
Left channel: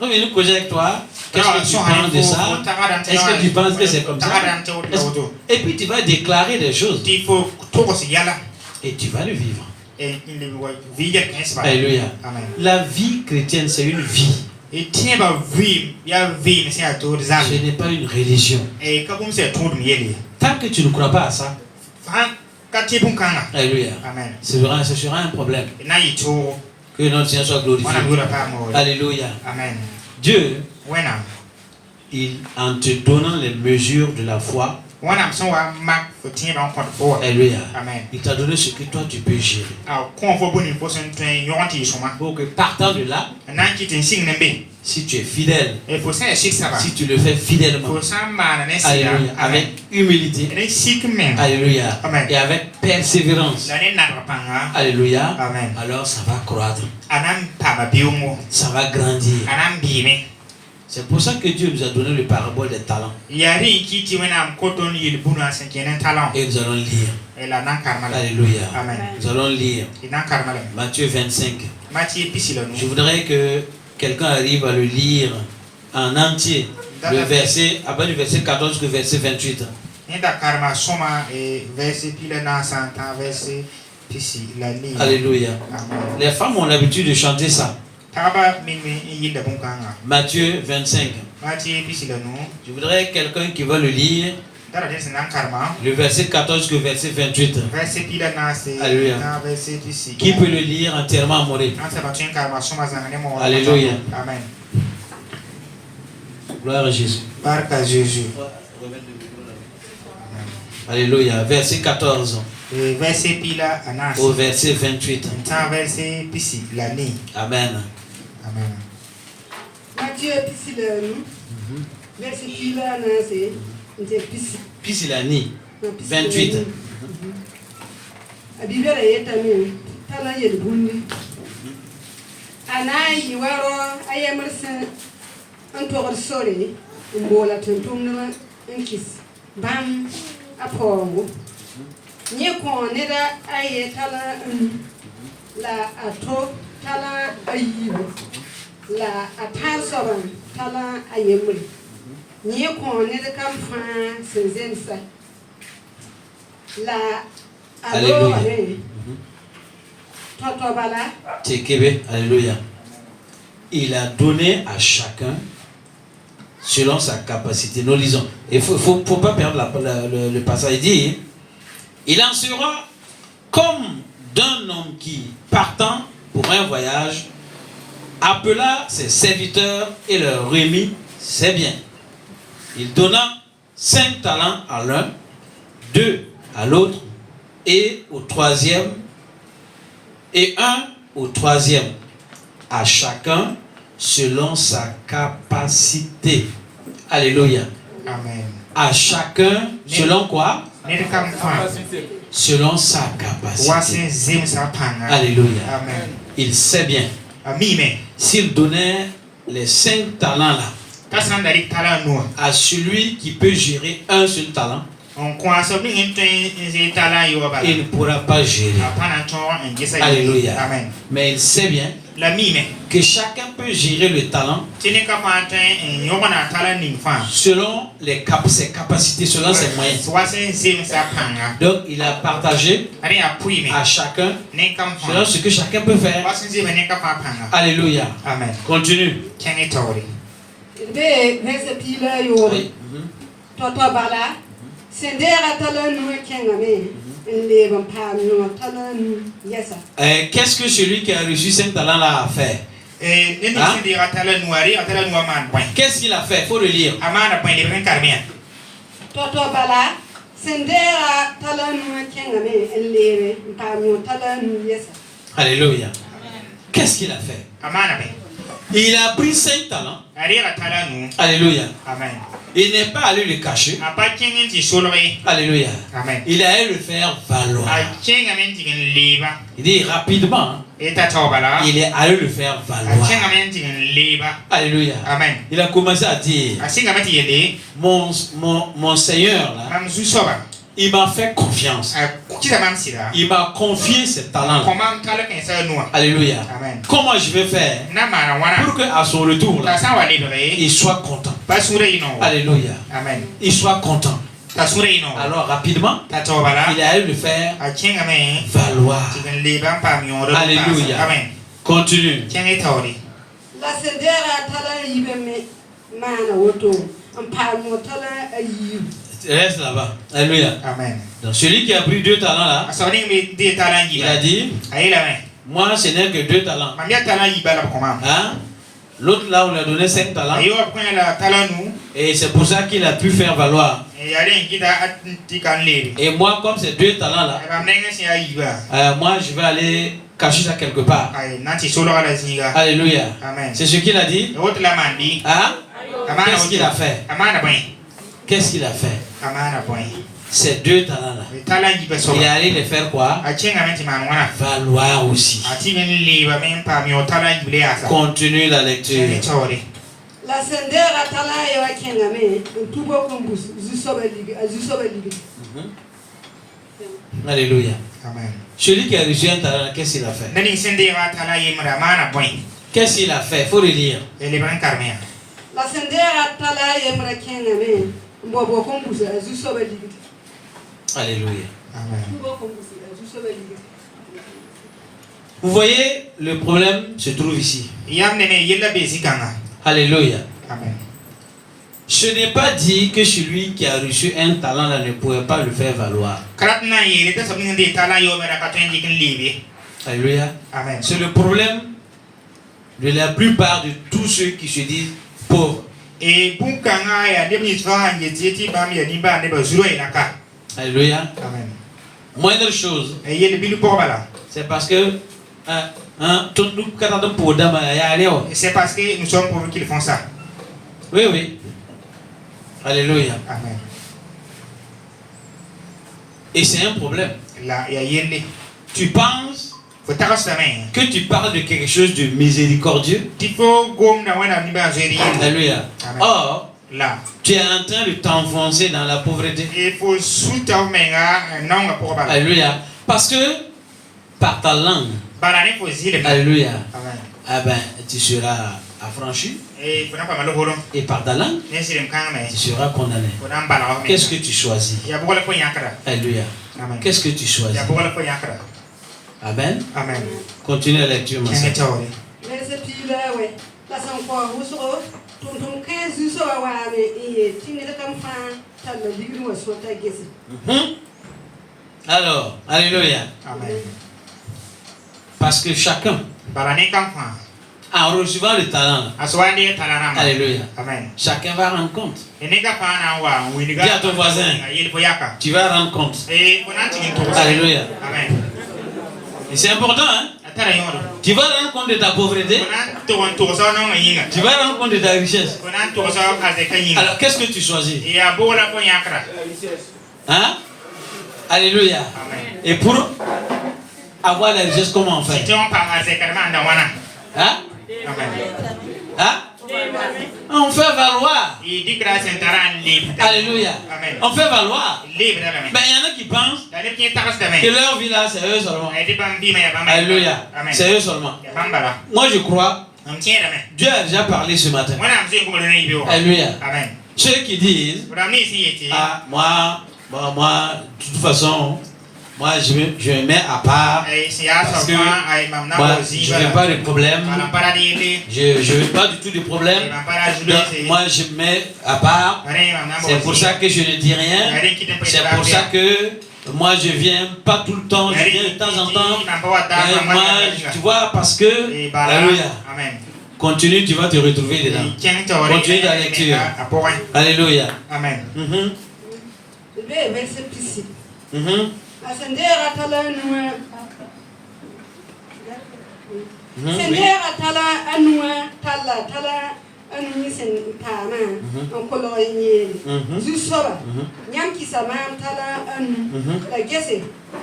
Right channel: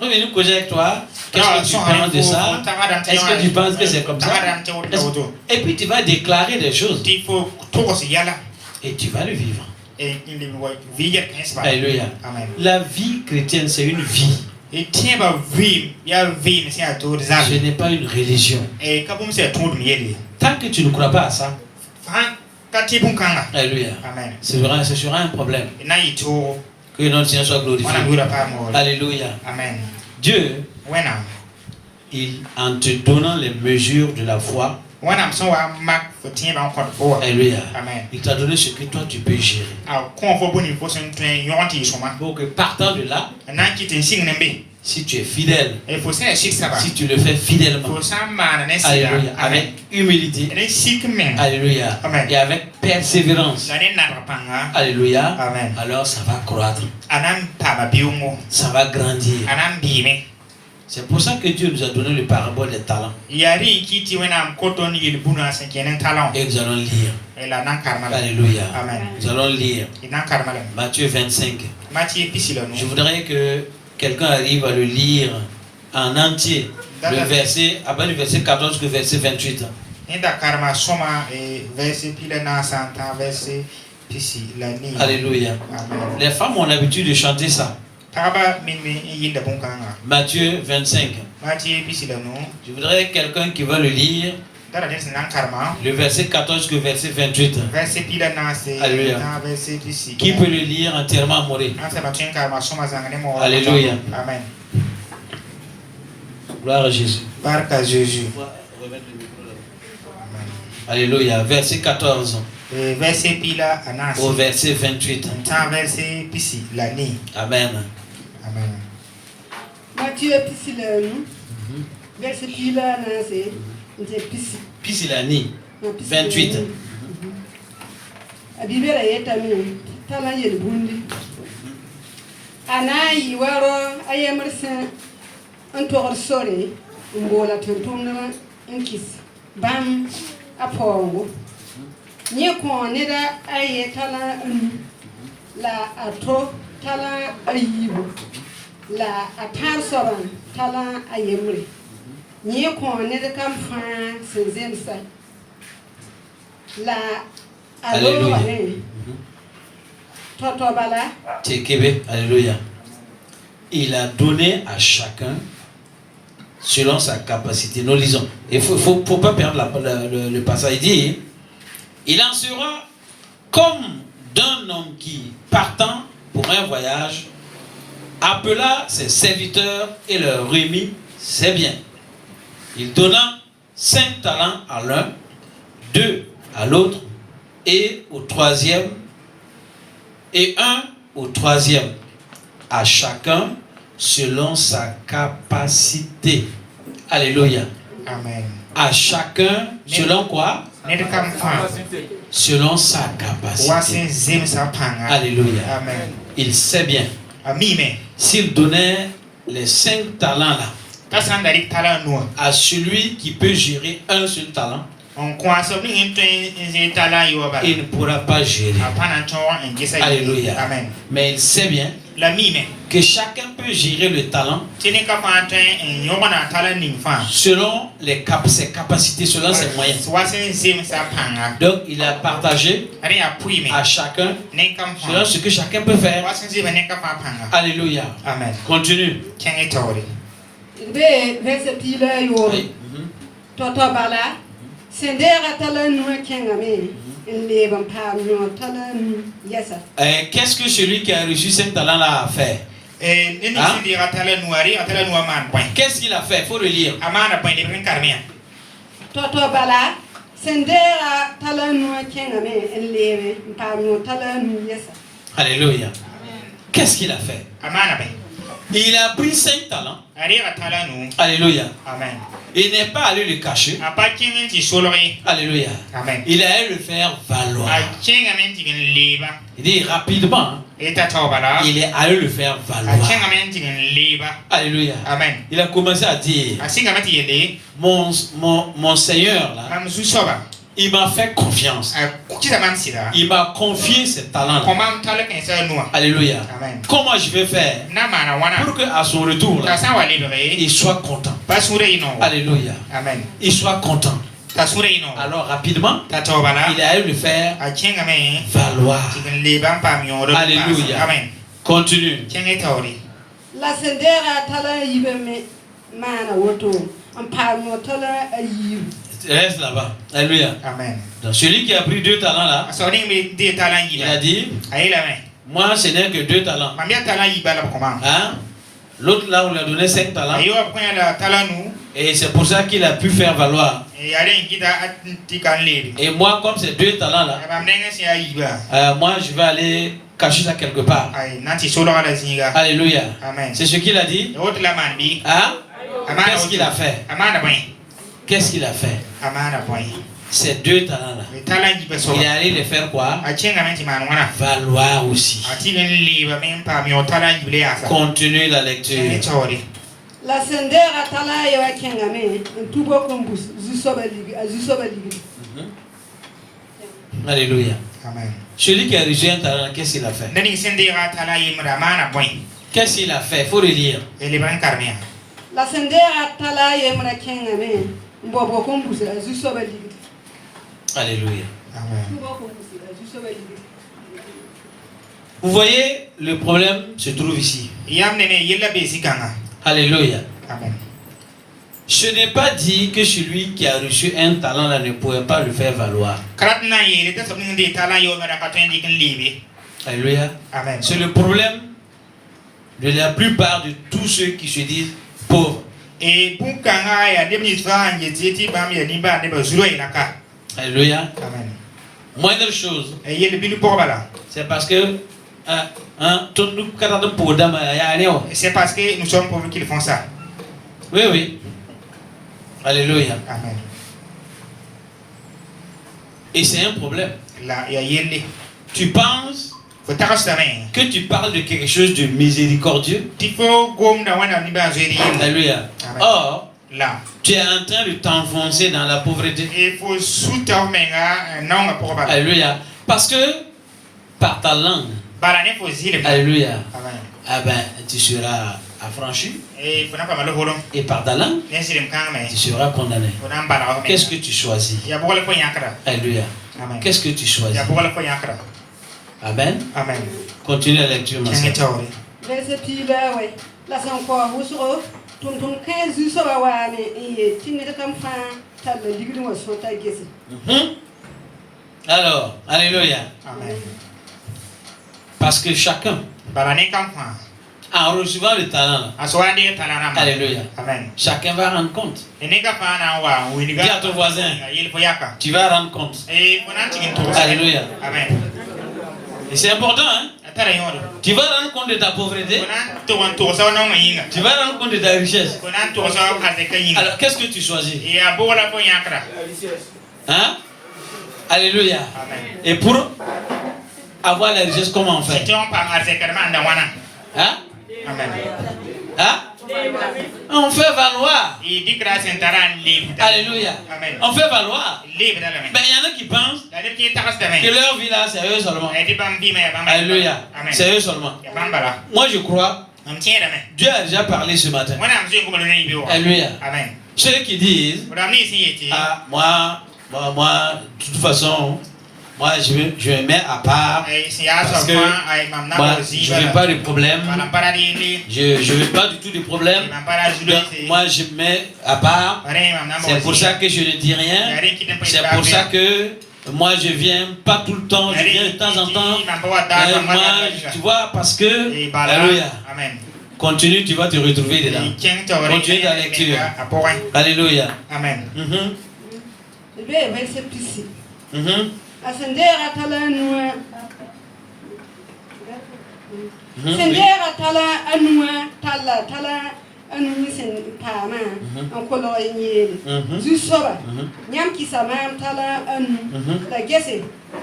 On vient nous causer avec toi. Qu'est-ce que tu penses de ça? Est-ce que tu penses que c'est comme ça? Et puis tu vas déclarer des choses. Et tu vas le vivre. Alléluia. La vie chrétienne, c'est une vie. Ce n'est pas une religion. Tant que tu ne crois pas à ça, alléluia, ce sera un problème. Que notre Seigneur soit glorifié. Alléluia. Dieu, en te donnant les mesures de la foi, alléluia, il t'a donné ce que toi tu peux gérer. Pour que partant de là, si tu es fidèle, si tu le fais fidèlement, alléluia, avec humilité, alléluia, et avec persévérance, alléluia, alors ça va croître, ça va grandir. C'est pour ça que Dieu nous a donné le parabole des talents. Et nous allons lire. Alléluia. Nous allons lire Matthieu 25. Je voudrais que quelqu'un arrive à le lire en entier. Le verset, après le verset 14 que verset 28. Alléluia. Les femmes ont l'habitude de chanter ça. Matthieu 25. Je voudrais quelqu'un qui va le lire. Le verset 14 que verset 28. Alléluia. Qui peut le lire entièrement, Moré? Alléluia. Gloire à Jésus. Alléluia. Verset 14. Au verset 28. Amen. Matthieu verset Pisilani 28. Anayi waro ayamarsa antogor sore mbola tuntunga nkis ban apongo nye ko neda ayetala la ato tala ayibo la atansoran tala ayemre nye ko neda kam fa senzensa la alléluia. Toto bala Tekebe, alléluia. il a donné à chacun selon sa capacité. Nous lisons. Il ne faut pas perdre le passage. Il dit, il en sera comme d'un homme qui, partant pour un voyage, appela ses serviteurs et leur remit ses biens. Il donna 5 talents à l'un, 2 à l'autre, et au troisième, et 1 au troisième, à chacun selon sa capacité. Alléluia. Amen. À chacun selon quoi? Selon sa capacité. Alléluia. Amen. Il sait bien. S'il donnait les 5 talents là à celui qui peut gérer un seul talent, il ne pourra pas gérer. Alléluia. Amen. Mais il sait bien que chacun peut gérer le talent selon ses capacités, selon ses moyens. Donc il a partagé à chacun selon ce que chacun peut faire. Alléluia. Amen. Continue. Oui. Qu'est-ce que celui qui a reçu 5 talents là a fait? Qu'est-ce qu'il a fait? Il faut le lire. Alléluia. Qu'est-ce qu'il a fait? Il a pris 5 talents. Alléluia. Amen. Il n'est pas allé le cacher. Alléluia. Amen. Il a allé le faire valoir. Il dit rapidement. Il est allé le faire valoir. Alléluia. Amen. Il a commencé à dire, mon Seigneur là, il m'a fait confiance. Il m'a confié ses talents. Alléluia. Amen. Comment je vais faire pour qu'à son retour là, il soit content? Alléluia. Amen. Il soit content. Alors rapidement, il a allé le faire valoir. Alléluia. Continue. Reste là-bas. Alléluia. Amen. Donc, celui qui a pris 2 talents là, il a dit, moi ce n'est que 2 talents. Hein? L'autre là, on lui a donné 5 talents. Et c'est pour ça qu'il a pu faire valoir. Et moi, comme c'est 2 talents là, moi je vais aller cacher ça quelque part. Alléluia. C'est ce qu'il a dit. Hein? Qu'est-ce qu'il a fait? Qu'est-ce qu'il a fait? Ces 2 talents là, il est allé les faire quoi? Valoir aussi. Continue la lecture. Alléluia. Celui qui a reçu un talent, qu'est-ce qu'il a fait? Qu'est-ce qu'il a fait? Il faut le dire. Alléluia. Vous voyez, le problème se trouve ici. Alléluia. Amen. Ce n'est pas dit que celui qui a reçu un talent là ne pourrait pas le faire valoir. Alléluia. Amen. C'est le problème de la plupart de tous ceux qui se disent pauvres. Alléluia. Amen. Moindre chose. C'est parce que c'est parce que nous sommes pauvres qu'ils font ça. Oui, oui. Alléluia. Amen. Et c'est un problème. Tu penses que tu parles de quelque chose de miséricordieux. Alléluia. Or, tu es en train de t'enfoncer dans la pauvreté. Alléluia. Parce que par ta langue, alléluia, tu seras affranchi. Et par ta langue, tu seras condamné. Qu'est-ce que tu choisis? Alléluia. Qu'est-ce que tu choisis? Amen. Amen. Continue la lecture, ma soeur. verset 10 ouais. Là c'est encore vous sur ton 15 sur la ouais et tu n'es comme fan t'as le digre moi sur ta guesse. Alors, alléluia. Amen. Parce que chacun, en recevant le talent, alléluia, amen. Chacun va rendre compte. Dis à ton voisin, tu vas rendre compte. Alléluia. Amen. Et c'est important, hein? Tu vas rendre compte de ta pauvreté. Tu vas rendre compte de ta richesse. Alors, qu'est-ce que tu choisis? Hein? Alléluia. Amen. Et pour avoir la richesse, comment on fait? Hein? Hein? On fait valoir. Alléluia. Amen. On fait valoir. Mais il y en a qui pensent que leur vie là, c'est eux seulement. Alléluia. C'est eux seulement. Moi je crois, Dieu a déjà parlé ce matin. Alléluia. Amen. Ceux qui disent, ah, moi, de toute façon, moi je me mets à part parce que moi, je ne veux pas de problème. Je ne veux pas du tout de problème. Donc, moi je me mets à part. C'est pour ça que je ne dis rien. C'est pour ça que moi je viens pas tout le temps. Je viens de temps en temps. Et moi, tu vois, parce que, alléluia. Continue, tu vas te retrouver dedans. Continue ta lecture. Alléluia. Amen. Verset 6. Ascendera talanua. Sendera tala anua tala anu sen pama. Onkolo yele. Zusora. Nyam kisama tala anu. La gese.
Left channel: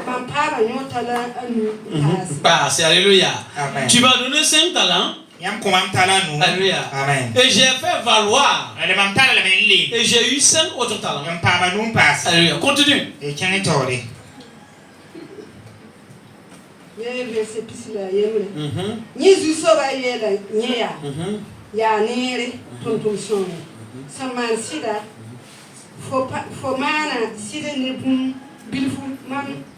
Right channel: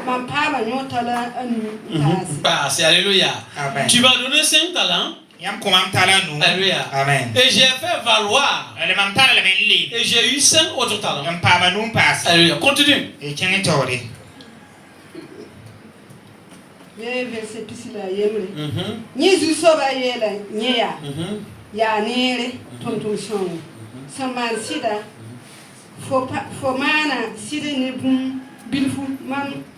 Mam pama nyo tala anu. Passe. Alléluia. Tu m'as donné 5 talents. Alléluia. Amen. Et j'ai fait valoir. Et j'ai eu 5 autres talents. Alléluia. Continue. Verset 6 la yemle. Ni zusoba yela nya. Ya nere tonton son. Saman sida. Fomana sida ne bum bilfu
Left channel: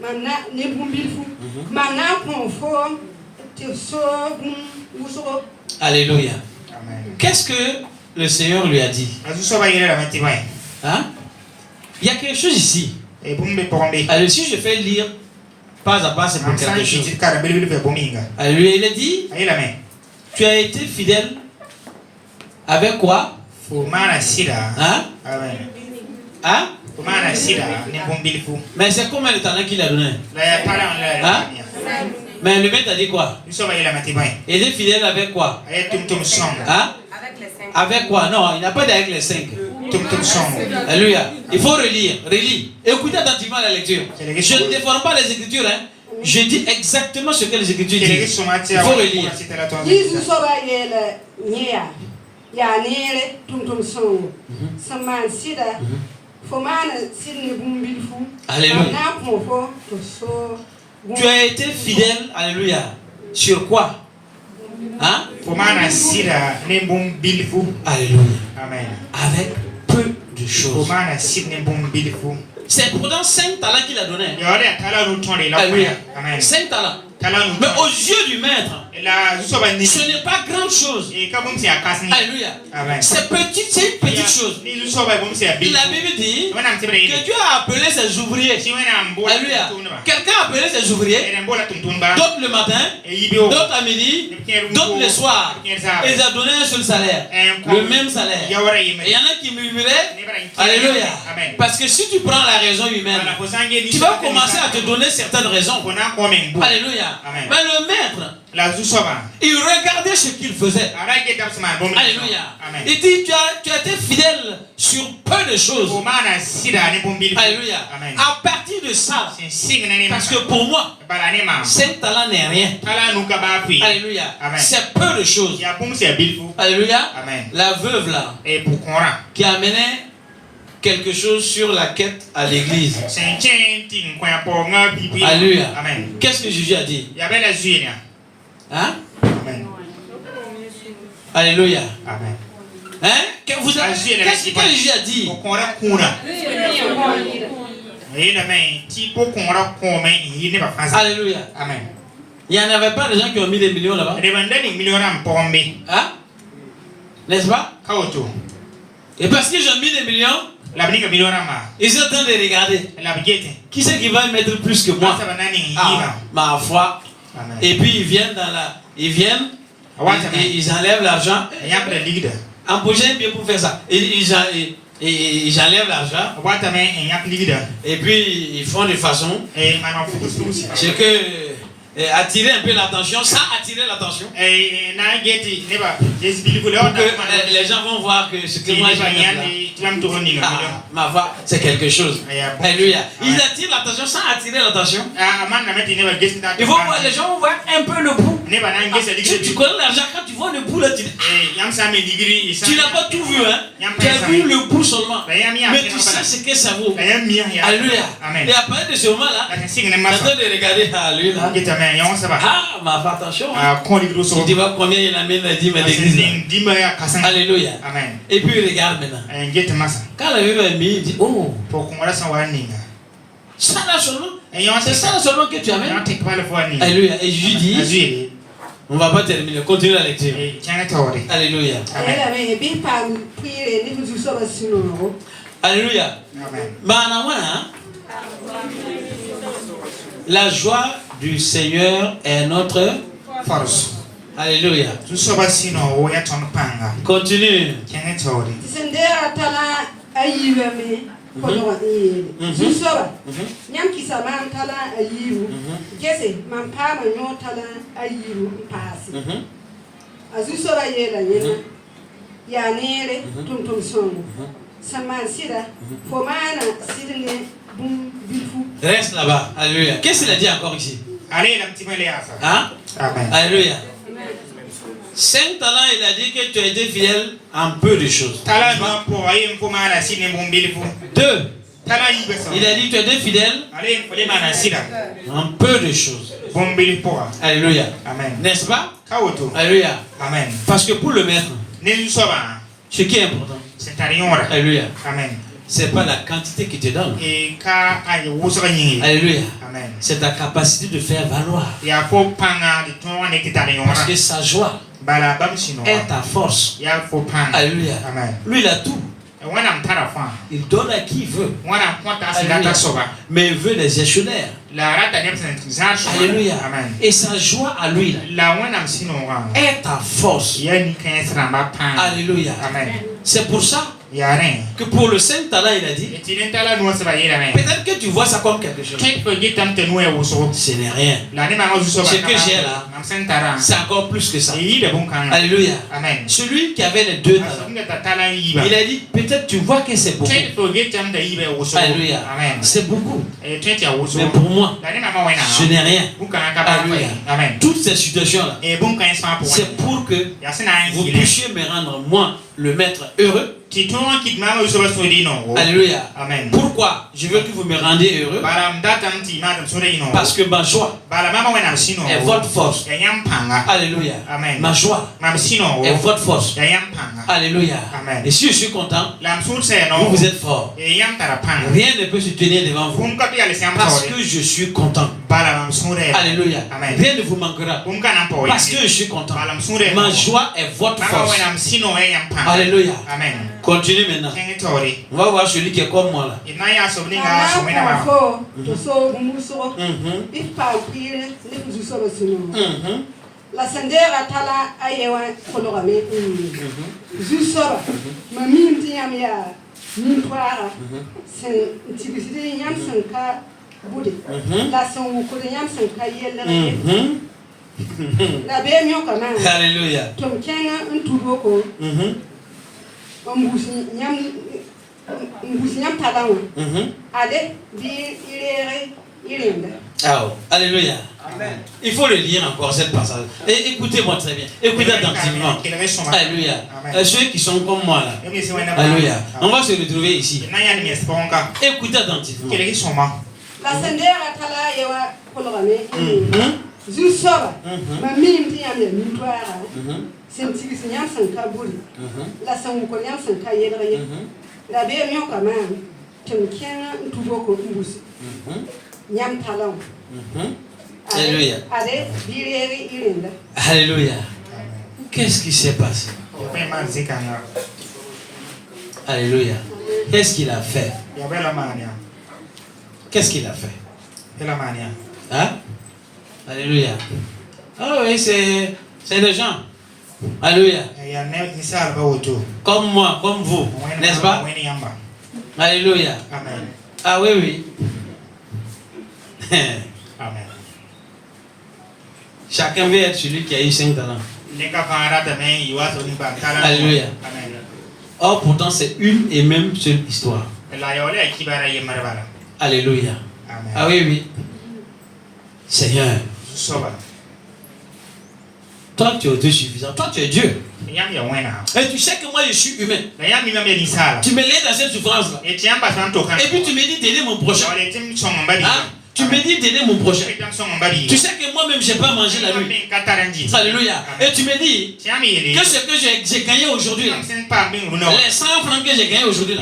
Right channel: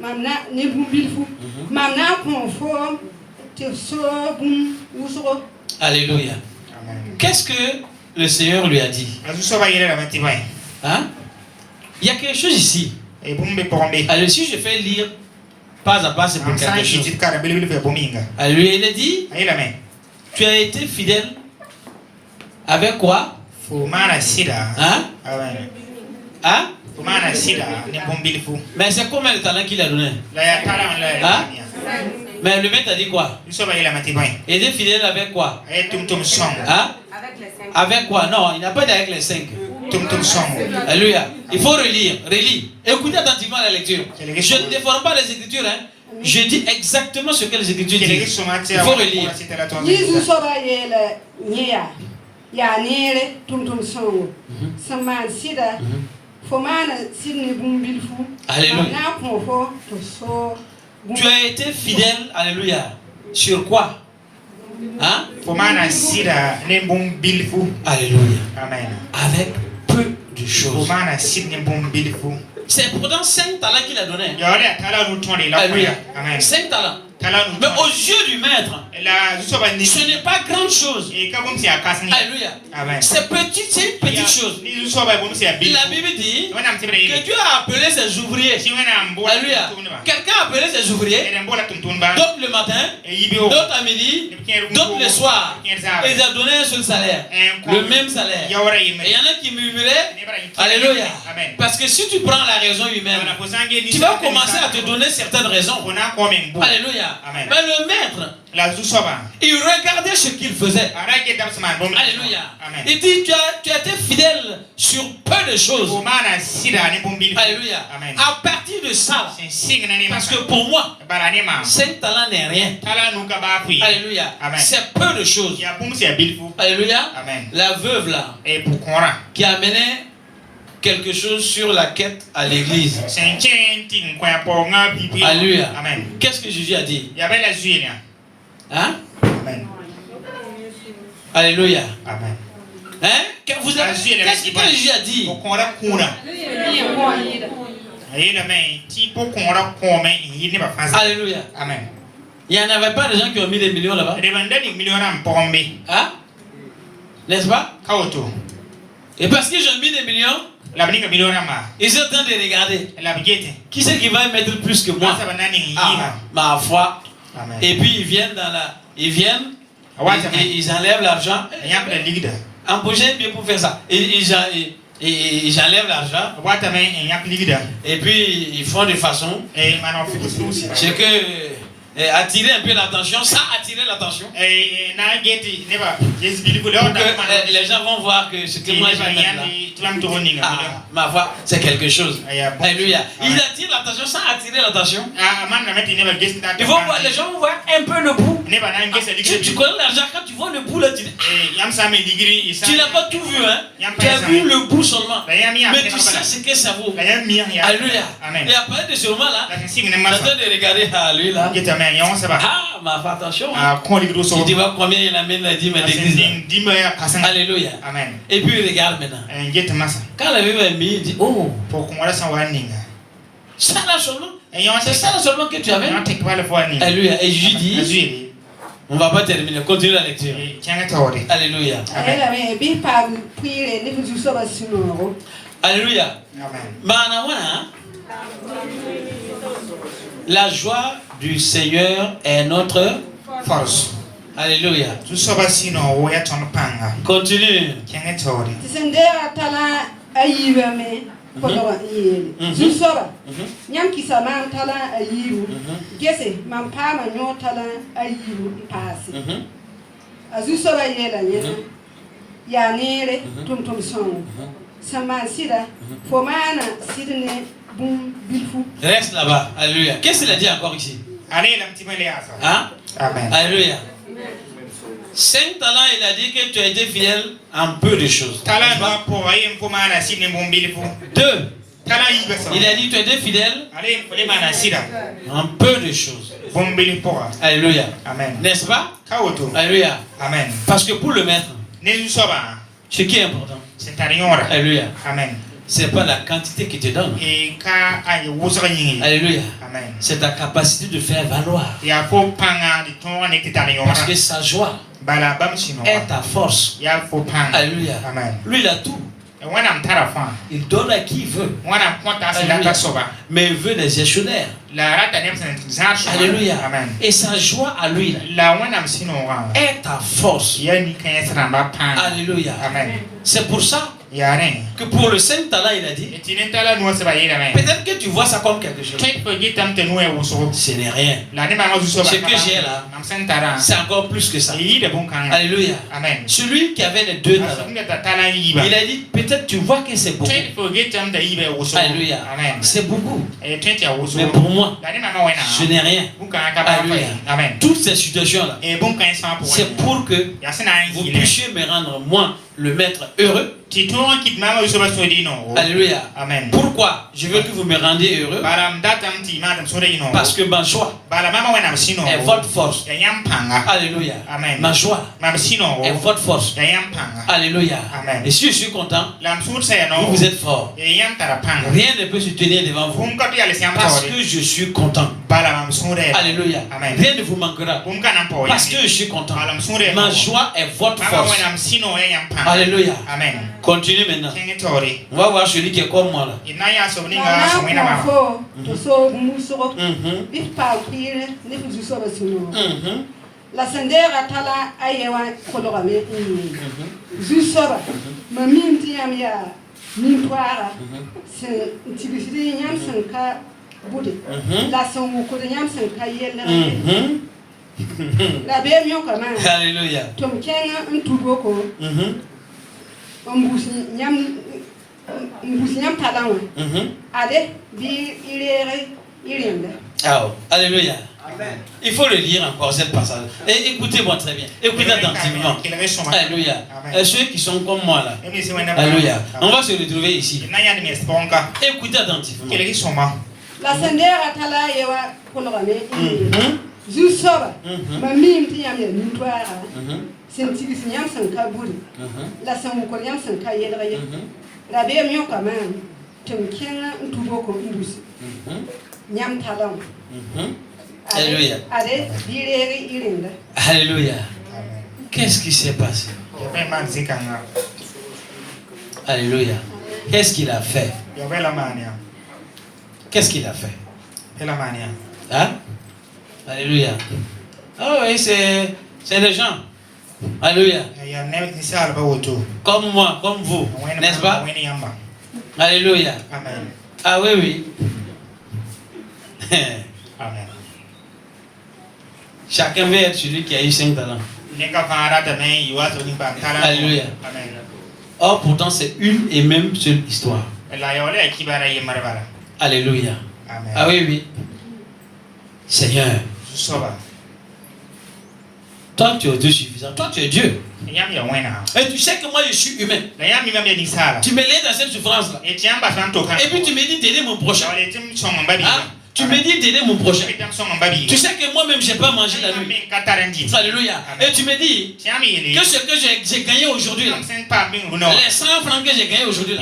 mamna ne bum bilfu. Mamna konfo te so bum usoro. Alléluia. Qu'est-ce que le Seigneur lui a dit? Hein? Il y a quelque chose ici. Alors si je fais lire pas à pas, c'est pour quelque chose. Alléluia, il a dit, tu as été fidèle avec quoi? Hein? Hein? Mais c'est combien de talents qu'il a donné? Hein? Mais le maître a dit quoi? Il était fidèle avec quoi? Hein? Avec quoi? Non, il n'a pas dit avec les 5. Alléluia. Il faut relire. Écoutez attentivement la lecture. Je ne déforme pas les écritures. Hein? Je dis exactement ce que les écritures disent. Il faut relire. Alléluia. Tu as été fidèle, alléluia. Sur quoi? Hein? Alléluia. Amen. Avec peu de choses. C'est pourtant 5 talents qu'il a donné. Alléluia. 5 talents. Mais aux yeux du maître, ce n'est pas grande chose. Alléluia. C'est une petite chose. La Bible dit que Dieu a appelé ses ouvriers. Alléluia. Quelqu'un a appelé ses ouvriers, d'autres le matin, d'autres à midi, d'autres le soir. Et il a donné un seul salaire, le même salaire. Et il y en a qui murmuraient. Alléluia. Parce que si tu prends la raison humaine, tu vas commencer à te donner certaines raisons. Alléluia. Amen. Mais le maître, il regardait ce qu'il faisait. Alléluia. Amen. Il dit, tu as été fidèle sur peu de choses. Alléluia. Amen. À partir de ça, parce que pour moi, 5 talents n'est rien. Alléluia. C'est peu de choses. Alléluia. Amen. La veuve là, qui amenait quelque chose sur la quête à l'église. Alléluia. Qu'est-ce que Jésus a dit? Hein? Amen. Alléluia. Amen. Hein? Qu'est-ce que Jésus a dit? Alléluia. Alléluia. Il n'y en avait pas de gens qui ont mis des millions là-bas. Hein? N'est-ce pas? Et parce qu'ils ont mis des millions, ils sont en train de regarder. Qui c'est qui va y mettre plus que moi? Ah, ma foi. Amen. Et puis ils viennent ils enlèvent l'argent. En prochain bien pour faire ça. Ils enlèvent l'argent. Et puis ils font de façon. C'est que attirer un peu l'attention, ça attirer l'attention. Pour que les gens vont voir que ce que moi je ma voix, c'est quelque chose. Alléluia. Il attire l'attention sans attirer l'attention. Il faut voir, les gens vont voir un peu le bout. Tu connais l'argent, quand tu vois le bout là, tu n'as pas tout vu, hein? Tu as vu le bout seulement. Mais tu sais ce que ça vaut. Alléluia. Et après de ce moment là, tu es en train de regarder à lui là. Ah, ma foi, attention. Tu dis combien il amène la dîme d'église. Alléluia. Amen. Et puis regarde maintenant. Quand la Bible est mise, il dit oh, ça là seulement. C'est ça seulement que tu amènes. Alléluia. Et je lui dis, on ne va pas terminer. Continue la lecture. Alléluia. Alléluia. Amen. La joie du Seigneur est notre force. Alléluia. Continue. Reste là-bas. Alléluia. Qu'est-ce qu'il a dit encore ici? Hein? Amen. Alléluia. 5 talents, il a dit que tu as été fidèle en peu de choses. 2. Il a dit que tu as été fidèle en peu de choses. Alléluia. Amen. N'est-ce pas? Alléluia. Amen. Parce que pour le maître, ce qui est important, alléluia. Amen. C'est pas la quantité qui te donne. Alléluia. Amen. C'est ta capacité de faire valoir. Parce que sa joie est ta force. Alléluia. Amen. Lui, il a tout. Il donne à qui il veut. Mais il veut les échelonnaires. Alléluia. Amen. Et sa joie à lui est ta force. Alléluia. Amen. C'est pour ça que pour le 5 talents, il a dit, peut-être que tu vois ça comme quelque chose. Ce n'est rien. Ce que j'ai là, c'est encore plus que ça. Alléluia. Amen. Celui qui avait les 2 talents, il a dit, peut-être tu vois que c'est beaucoup. Alléluia. C'est beaucoup. Mais pour moi, ce n'est rien. Alléluia. Amen. Toutes ces situations-là, c'est pour que vous puissiez me rendre, moi, le maître, heureux. Alléluia. Amen. Pourquoi je veux que vous me rendiez heureux? Parce que ma joie est votre force. Alléluia. Amen. Ma joie est votre force. Alléluia. Amen. Et si je suis content, vous êtes fort. Rien ne peut se tenir devant vous parce que je suis content. Alléluia. Amen. Rien ne vous manquera parce que je suis content. Ma joie est votre force. Alléluia. Amen. Continue maintenant. On va voir celui qui est comme moi là. La sendera tala ayewa kolorame zusoba mamimti yamya nimpara sen tibisiri yam senka bude la sen ukole yam senka yele la be myo kama alléluia to kenga ntuboko mbusi nyam talawe ale bi irende alléluia. Amen. Il faut le lire encore cette passage. Et écoutez-moi très bien. Écoutez attentivement. Alléluia. Ceux qui sont comme moi là. Alléluia. On va se retrouver ici. Écoutez attentivement. La sendera tala yewa kolorame. Zusoba. Mamim tiam ya nutwara. Sentigi sinyam sanka buri. La sanko nyam sanka yedre. La be myo kama. Tumkia ntuboko mbusi. Nyam talam. Alléluia. Alléluia. Qu'est-ce qui s'est passé? Alléluia. Qu'est-ce qu'il a fait? Qu'est-ce qu'il a fait? Hein? Alléluia. Ah oui, c'est des gens. Alléluia. Comme moi, comme vous, n'est-ce pas? Alléluia. Amen. Ah oui, oui. Amen. Chacun veut être celui qui a eu 5 talents. Alléluia. Or, pourtant, c'est une et même seule histoire. Alléluia. Amen. Ah oui, oui. Seigneur, toi, tu es autosuffisant. Toi, tu es Dieu. Et tu sais que moi, je suis humain. Tu me laisses dans cette souffrance-là. Et puis, tu me dis d'aider mon prochain. Hein? Tu me dis d'aider mon prochain. Tu sais que moi-même, je n'ai pas mangé la nuit. Alléluia. Et tu me dis que ce que j'ai gagné aujourd'hui, les 100 francs que j'ai gagné aujourd'hui,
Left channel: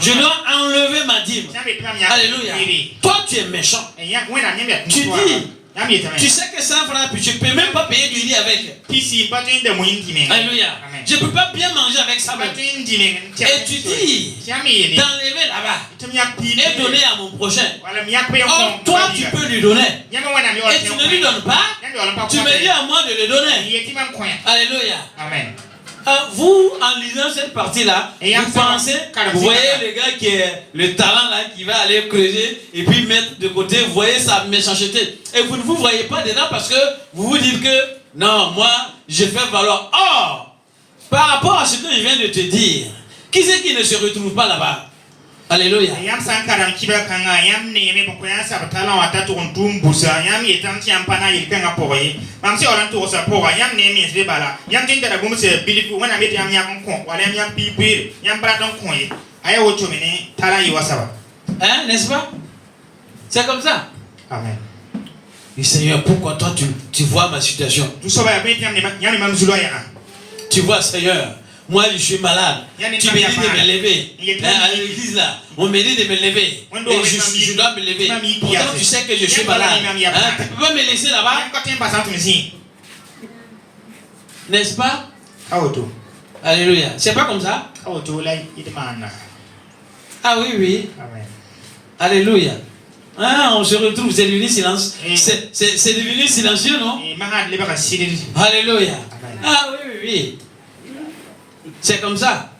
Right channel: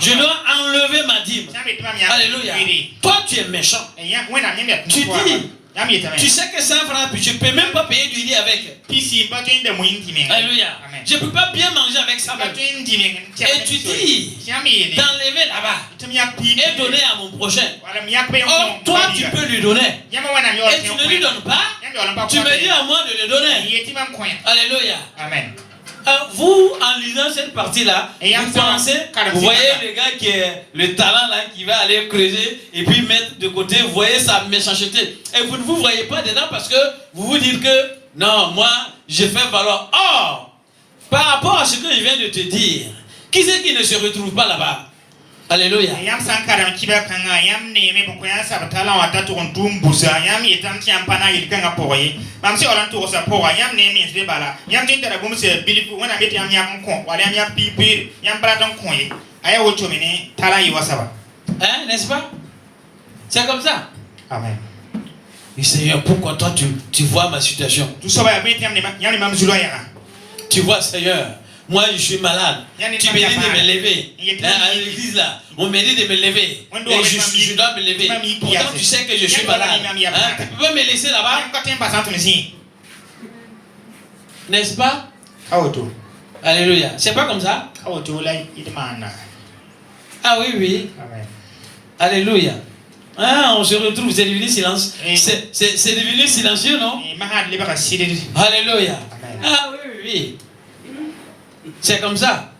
je dois enlever ma dîme. Alléluia. Toi, tu es méchant. Tu dis, tu sais que 100 francs, puis tu ne peux même pas payer du lit avec. Alléluia. Je ne peux pas bien manger avec ça même. Et tu dis d'enlever là-bas et donner à mon prochain. Or, toi, tu peux lui donner. Et tu ne lui donnes pas. Tu me dis à moi de le donner. Alléluia. Amen. Vous, en lisant cette partie-là, vous pensez, vous voyez le gars qui est le talent là, qui va aller creuser et puis mettre de côté, vous voyez sa méchanceté. Et vous ne vous voyez pas dedans parce que vous vous dites que non, moi, je fais valoir. Or, par rapport à ce que je viens de te dire, qui c'est qui ne se retrouve pas là-bas? Alléluia. Hein, n'est-ce pas? C'est comme ça. Amen. Et Seigneur, pourquoi toi tu vois ma situation? Tu vois, Seigneur, moi je suis malade. Tu me dis de me lever. À l'église là, on me dit de me lever. Et je dois me lever. Pourtant tu sais que je suis malade. Hein? Tu peux pas me laisser là-bas? N'est-ce pas? Alléluia. C'est pas comme ça? Ah oui, oui. Alléluia. Ah, on se retrouve, c'est devenu silence. C'est devenu silencieux, non? Alléluia. Ah oui, oui, oui. C'est comme ça.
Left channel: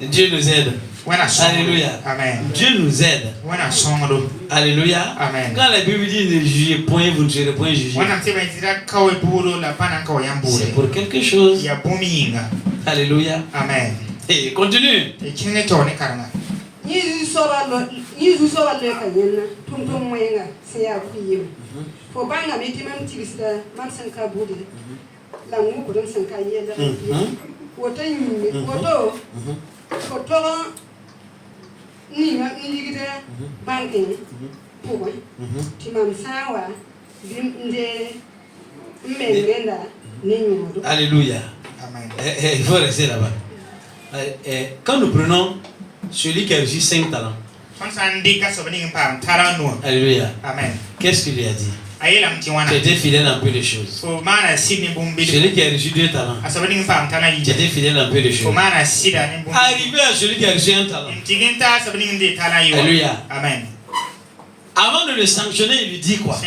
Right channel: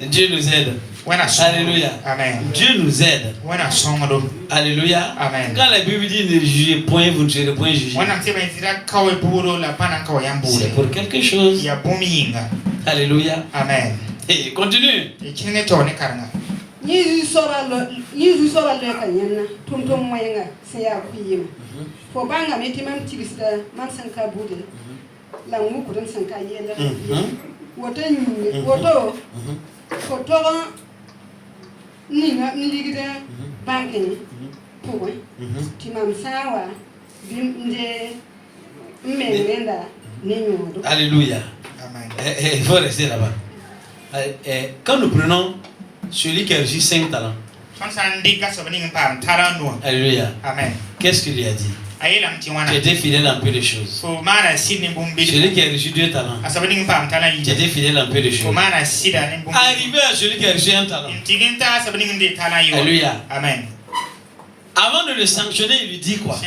Dieu nous aide. Alléluia. Amen. Dieu nous aide. Alléluia. Amen. Quand la Bible dit ne jugez point, vous ne serez point jugés. C'est pour quelque chose. Alléluia. Amen. Et continue. Alléluia. Il faut rester là-bas. Quand nous prenons celui qui a reçu 5 talents, alléluia. Amen. Qu'est-ce qu'il lui a dit? Tu étais fidèle en peu de choses. Celui qui a reçu 2 talents, tu étais fidèle en peu de choses. Arrivé à celui qui a reçu 1 talent, alléluia. Amen. Avant de le sanctionner, il lui dit quoi?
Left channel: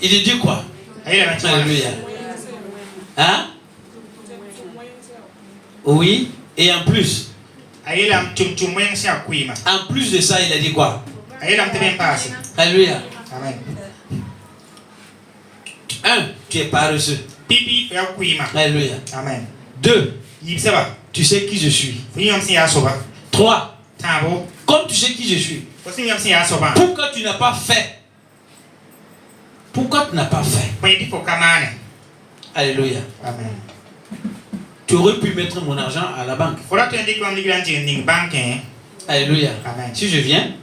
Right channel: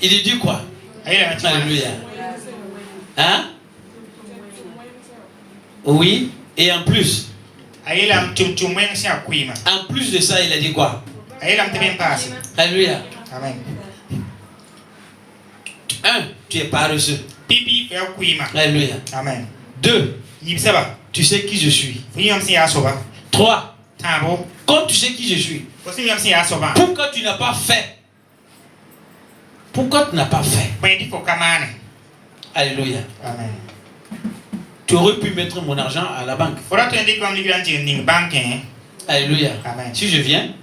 Il lui dit quoi? Alléluia. Hein? Oui, et en plus de ça, il a dit quoi? Alléluia. Amen. 1. Tu es paresseux. Alléluia. Amen. 2. Tu sais qui je suis. 3. Comme tu sais qui je suis, pourquoi tu n'as pas fait? Pourquoi tu n'as pas fait? Alléluia. Amen. Tu aurais pu mettre mon argent à la banque. Alléluia. Amen. Si je viens,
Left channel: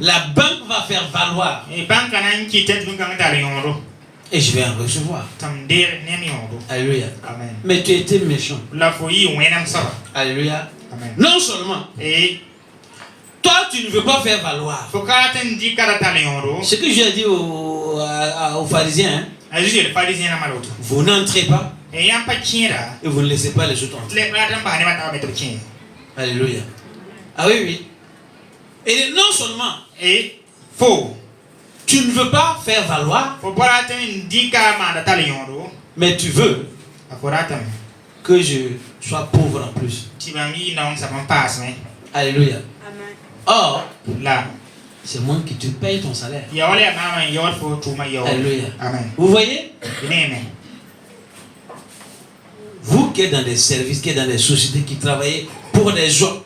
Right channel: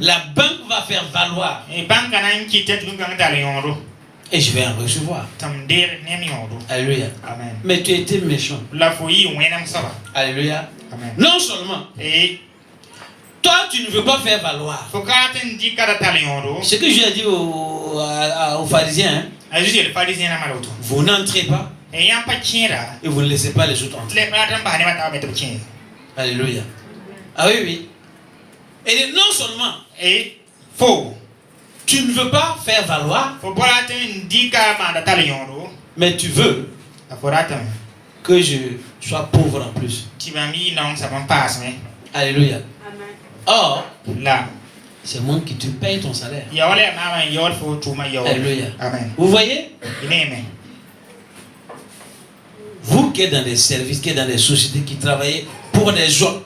la banque va faire valoir et je vais en recevoir. Alléluia. Amen. Mais tu étais méchant. Alléluia. Amen. Non seulement toi, tu ne veux pas faire valoir. Ce que j'ai dit aux pharisiens, hein, vous n'entrez pas et vous ne laissez pas les autres entrer. Alléluia. Ah oui, oui. Et non seulement, tu ne veux pas faire valoir, mais tu veux que je sois pauvre en plus. Alléluia. Or, là, c'est moi qui te paye ton salaire. Alléluia. Vous voyez? Vous qui êtes dans des services, qui êtes dans des sociétés, qui travaillez pour des autres,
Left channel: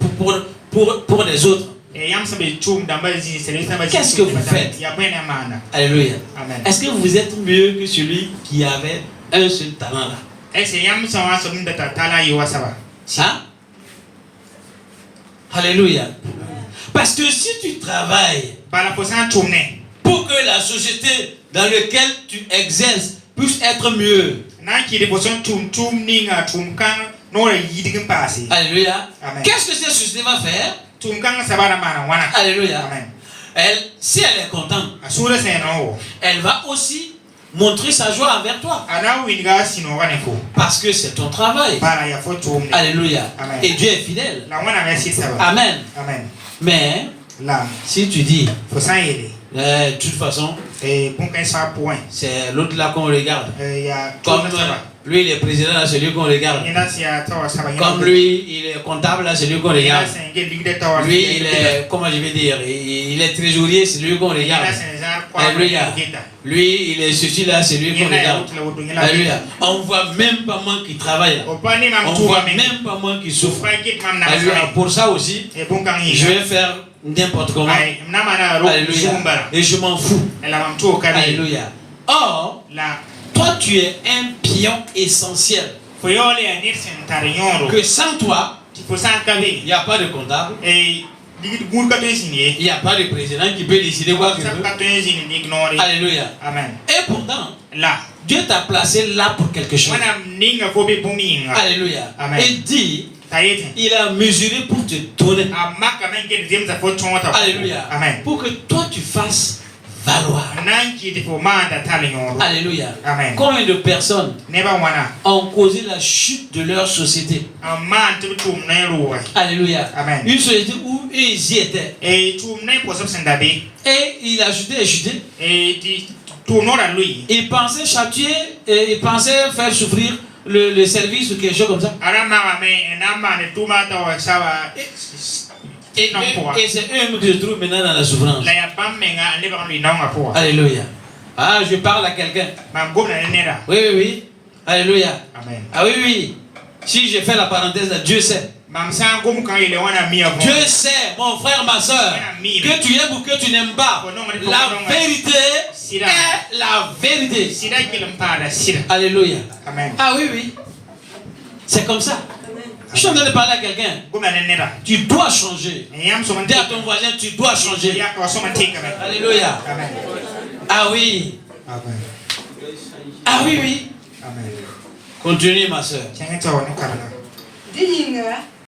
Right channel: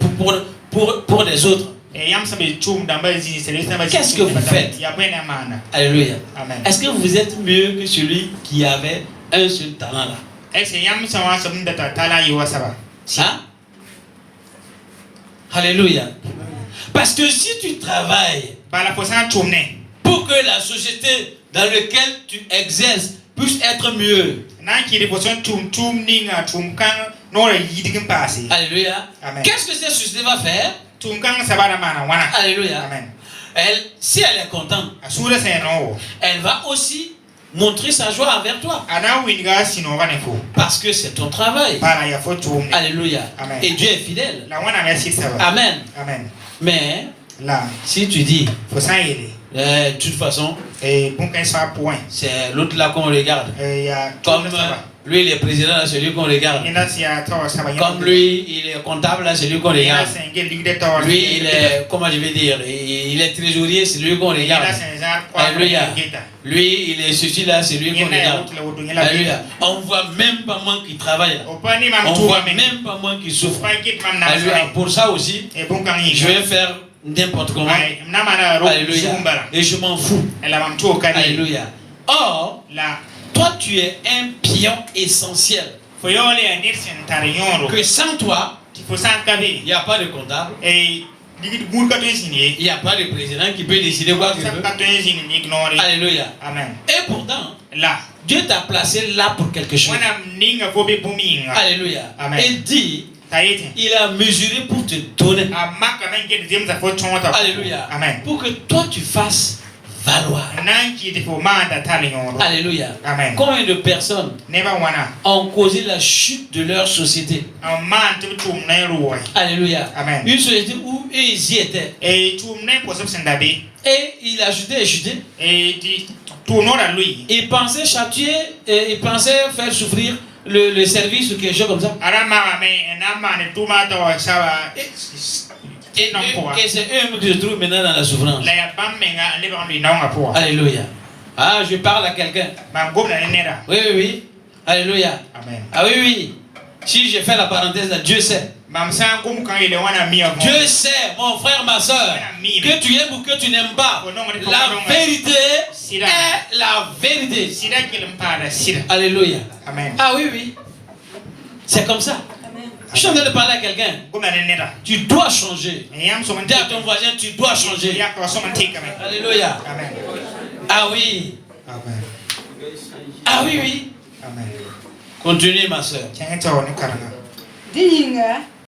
pour des autres, qu'est-ce que vous faites? Alléluia. Est-ce que vous êtes mieux que celui qui avait un seul talent là? Ça? Alléluia. Parce que si tu travailles pour que la société dans laquelle tu exerces puisse être mieux. Alléluia. Qu'est-ce que cette société va faire? Alléluia. Si elle est contente, elle va aussi montrer sa joie envers toi. Parce que c'est ton travail. Alléluia. Et Dieu est fidèle. Amen. Mais si tu dis, de toute façon, c'est l'autre là qu'on regarde. Comme lui, il est président, là, c'est lui qu'on regarde. Comme lui, il est comptable, là, c'est lui qu'on regarde. Lui, il est, comment je vais dire, il est trésorier, c'est lui qu'on regarde. Alléluia. Lui, il est ceci là, c'est lui qu'on regarde. Alléluia. On ne voit même pas moi qui travaille. On ne voit même pas moi qui souffre. Alléluia. Pour ça aussi, je vais faire n'importe comment. Alléluia. Et je m'en fous. Alléluia. Or, toi, tu es un pion essentiel. Que sans toi, il n'y a pas de comptable. Il n'y a pas de président qui peut décider quoi que ce soit. Alléluia. Amen. Et pourtant, là, Dieu t'a placé là pour quelque chose. Alléluia. Amen. Et dit, il a mesuré pour te donner. Alléluia. Amen. Pour que toi tu fasses valoir. Alléluia. Amen. Combien de personnes ont causé la chute de leur société? Alléluia. Amen. Une société où ils y étaient. Et il a chuté et chuté. Il pensait châtier, il pensait faire souffrir le service ou quelque chose comme ça. Et c'est eux qui se trouvent maintenant dans la souffrance. Alléluia. Ah, je parle à quelqu'un. Oui, oui, oui. Alléluia. Amen. Ah oui, oui. Si je fais la parenthèse là, Dieu sait. Dieu sait, mon frère, ma soeur, que tu aimes ou que tu n'aimes pas. La vérité est la vérité. Alléluia. Amen. Ah oui, oui. C'est comme ça. Je suis en train de parler à quelqu'un. Tu dois changer. Dis à ton voisin, tu dois changer. Alléluia. Amen. Ah oui. Amen. Ah oui, oui. Amen. Continue, ma soeur.